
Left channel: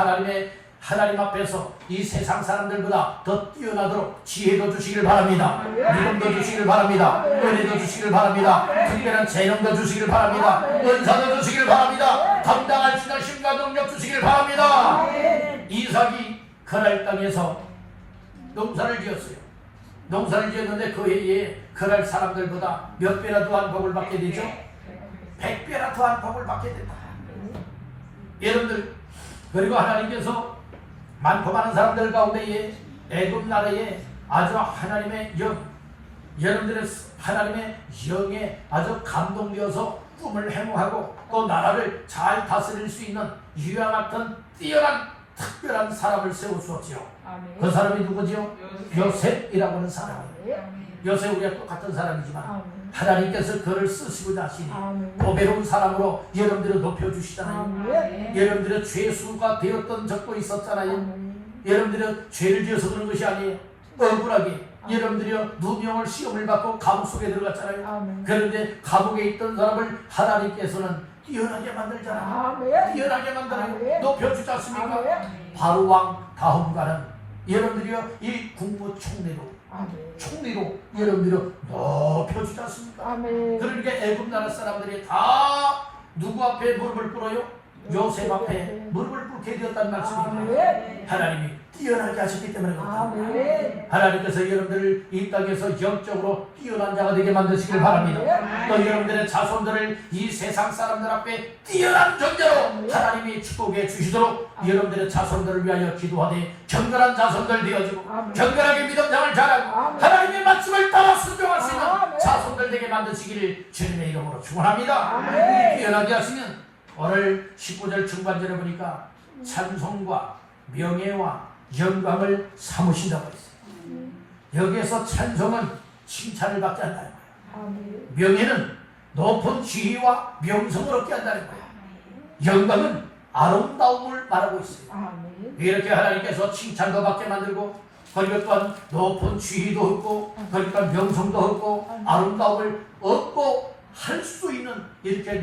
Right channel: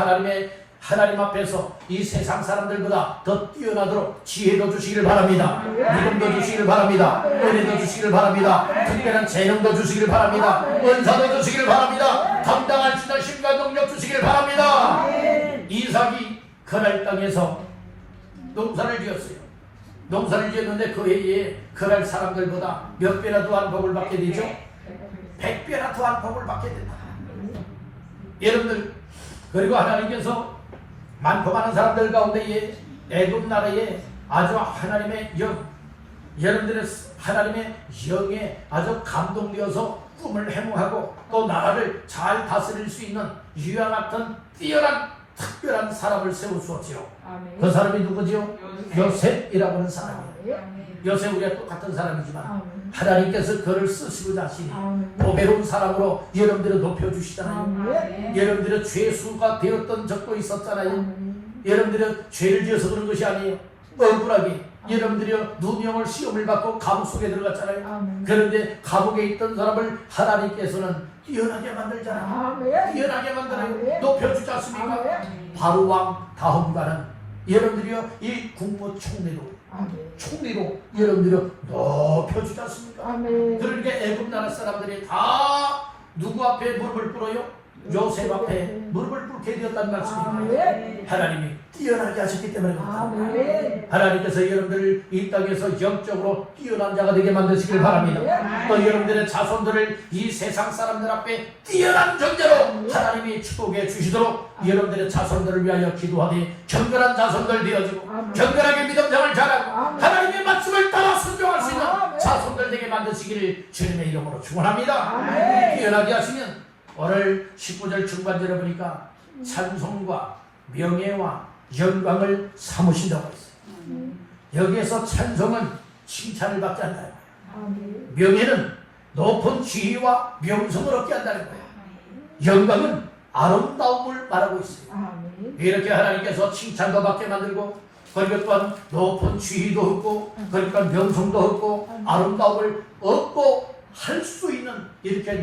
하나님 앞에서 이 세상 사람들보다 더 뛰어나도록 지혜도 주시기를 바랍니다. 믿음도 주시기를 바랍니다. 은혜도 주시기를 바랍니다. 특별한 재능도 주시기를 바랍니다. 은사도 주시기를 바랍니다. 감당할 수 있는 힘과 능력 주시기를 바랍니다. 이삭이 그날 땅에서 농사를 지었어요. 농사를 지었는데 그 해에 그날 사람들보다 몇 배나 더한 복을 받게 되죠? 100배나 더한 복을 받게 된다. 여러분들, 그리고 하나님께서 많고 많은 사람들 가운데에 애굽 나라에 아주 하나님의 영, 여러분들의 하나님의 영에 아주 감동되어서 꿈을 해몽하고 또 나라를 잘 다스릴 수 있는 유아 같은 뛰어난 특별한 사람을 세우셨지요. 그 사람이 누구지요? 요셉이라고 하는 사람이에요. 요셉 우리가 똑같은 사람이지만 하나님께서 그를 쓰시고자 하시니 보배로운 사람으로 여러분들을 높여주시잖아요. 여러분들의 죄수가 되었던 적도 있었잖아요. 여러분들은 죄를 지어서 그런 것이 아니에요. 억울하게 여러분들이 누명을 시험을 받고 감옥 속에 들어갔잖아요. 그런데 감옥에 있던 사람을 하나님께서는 뛰어나게 만들잖아요. 뛰어나게 만들어요. 높여주지 않습니까? 바로 왕 다음과는 여러분들이요 이 국무총리로 여러분들이 높여주지 않습니까? 그러니까 애굽 나라 사람들이 다 누구 앞에 무릎을 꿇어요? 요셉 앞에 무릎을 꿇게 되었다는 말씀입니다. 하나님이 뛰어나게 하셨기 때문에 그렇습니다. 하나님께서 여러분들을 이 땅에서 영적으로 뛰어난 자가 되게 만드시길 바랍니다. 또 여러분들의 자손들을 이 세상 사람들 앞에 뛰어난 존재로 하나님이 축복해 주시도록 여러분들의 자손들을 위하여 기도하되 경건한 자손들 되어지고 경건하게 믿음생활 잘하고 하나님의 말씀을 따라 순종할 수 있는 자손들 되게 만드시기를 주님의 이름으로 축원합니다. 뛰어나게 하시면 오늘 19절 중반절에 보니까 찬송과 명예와 영광을 삼으신다고 했어요. 여기에서 찬송은 칭찬을 받지 않는다는 거예요. 명예는 높은 지위와 명성을 얻게 한다는 거예요. 영광은 아름다움을 말하고 있어요. 이렇게 하나님께서 칭찬도 받게 만들고 그러니까 또한 높은 지위도 얻고 그러니까 명성도 얻고 아름다움을 얻고 할 수 있는 이렇게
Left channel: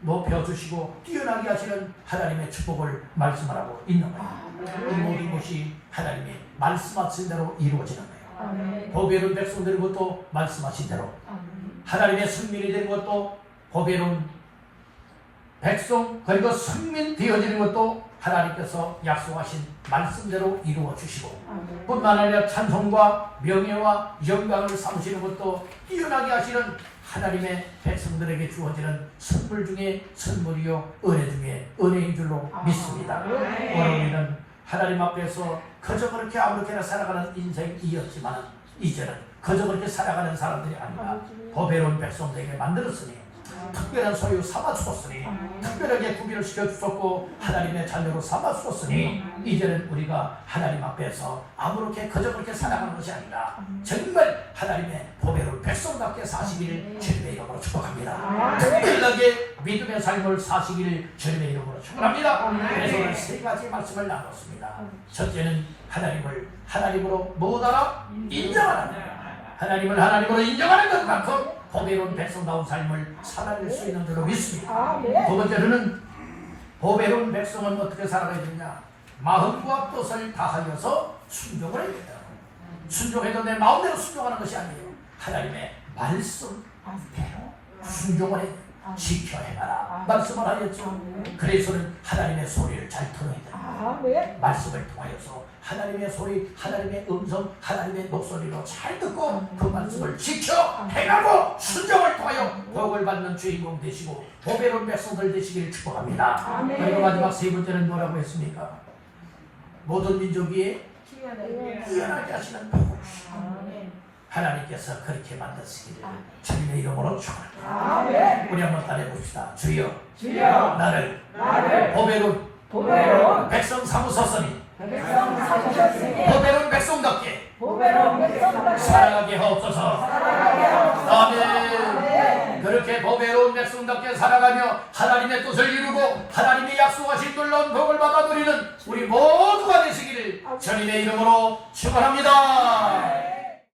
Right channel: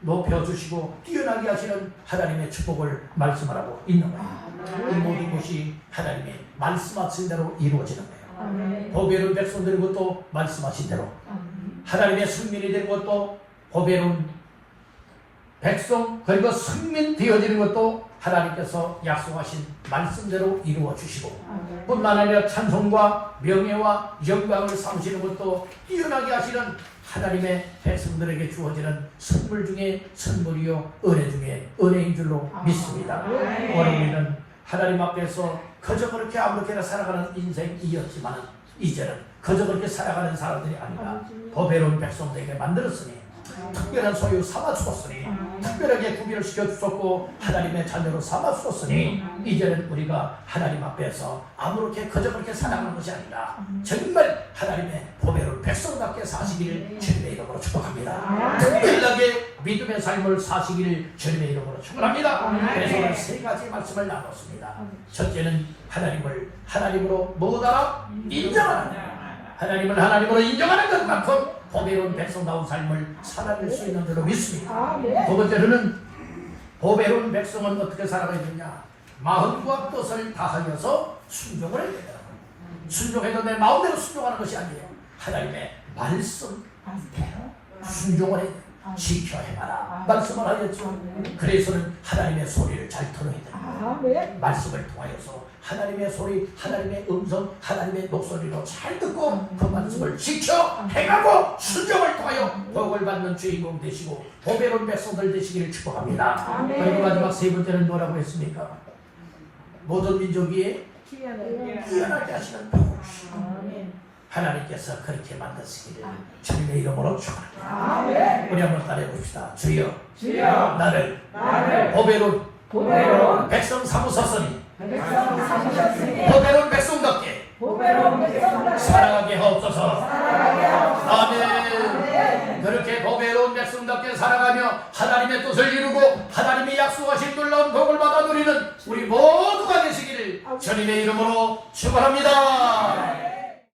높여주시고 뛰어나게 하시는 하나님의 축복을 말씀하라고 있는 거예요. 이 모든 것이 하나님의 말씀하신 대로 이루어지는 거예요. 보배로운 백성들의 것도 말씀하신 대로 하나님의 승민이 되는 것도 보배로운 백성 그리고 승민 되어지는 것도 하나님께서 약속하신 말씀대로 이루어 주시고 뿐만 아니라 찬송과 명예와 영광을 삼으시는 것도 뛰어나게 하시는 하나님의 백성들에게 주어지는 선물 중에 선물이요 은혜 중에 은혜인 줄로 믿습니다. 우리는 하나님 앞에서 그저 그렇게 아무렇게나 살아가는 인생이었지만 이제는 그저 그렇게 살아가는 사람들이 아니라 보배로운 백성들에게 만들었으니 특별한 소유 삼아 주었으니 특별하게 구비를 시켜 주셨고 하나님의 자녀로 삼아 주었으니 이제는 우리가 하나님 앞에서 아무렇게 그저 그렇게 살아가는 것이 아니라 정말 하나님의 보배로운 백성답게 사시기를 주님의 이름으로 축복합니다. 특별하게 믿음의 삶을 사시기를 주님의 이름으로 축복합니다. 그래서 오늘 세 가지 말씀을 나눴습니다. 첫째는 하나님을 하나님으로 뭐다? 인정하는 것. 하나님을 하나님으로 인정하는 것만큼 보배로운 백성다운 삶을 살아낼 수 있는 줄로 믿습니다. 두 번째로는 보배로운 백성은 어떻게 살아가야 되냐? 마음과 뜻을 다하여서 순종을 해야 된다. 순종해도 내 마음대로 순종하는 것이 아니에요. 하나님의 말씀대로 순종을 해야 돼요. 지켜야 해라 말씀을 하였죠. 그래서는 하나님의 소리를 잘 들어야 된다. 말씀을 통하여서 하나님의 소리, 하나님의 음성, 하나님의 목소리로 잘 듣고 그 말씀을 지켜 행하고 순종을 통하여 복을 받는 주인공 되시고 보배로운 백성들 되시기를 축복합니다. 그리고 마지막 세 번째는 뭐라고 했습니까? 모든 민족 위에 뛰어나게 하시는 복을 주시고 하나님께서 그렇게 만드시기를 주님의 이름으로 축원합니다. 우리 한번 따라해봅시다. 주여 나를 보배로운 백성 삼으셨으니 보배로운 백성답게 살아가게 하옵소서. 아멘. 그렇게 보배로운 백성답게 살아가며 하나님의 뜻을 이루고 하나님의 약속하신 놀라운 복을 받아 누리는 우리 모두가 되시기를 주님의 이름으로 축원합니다.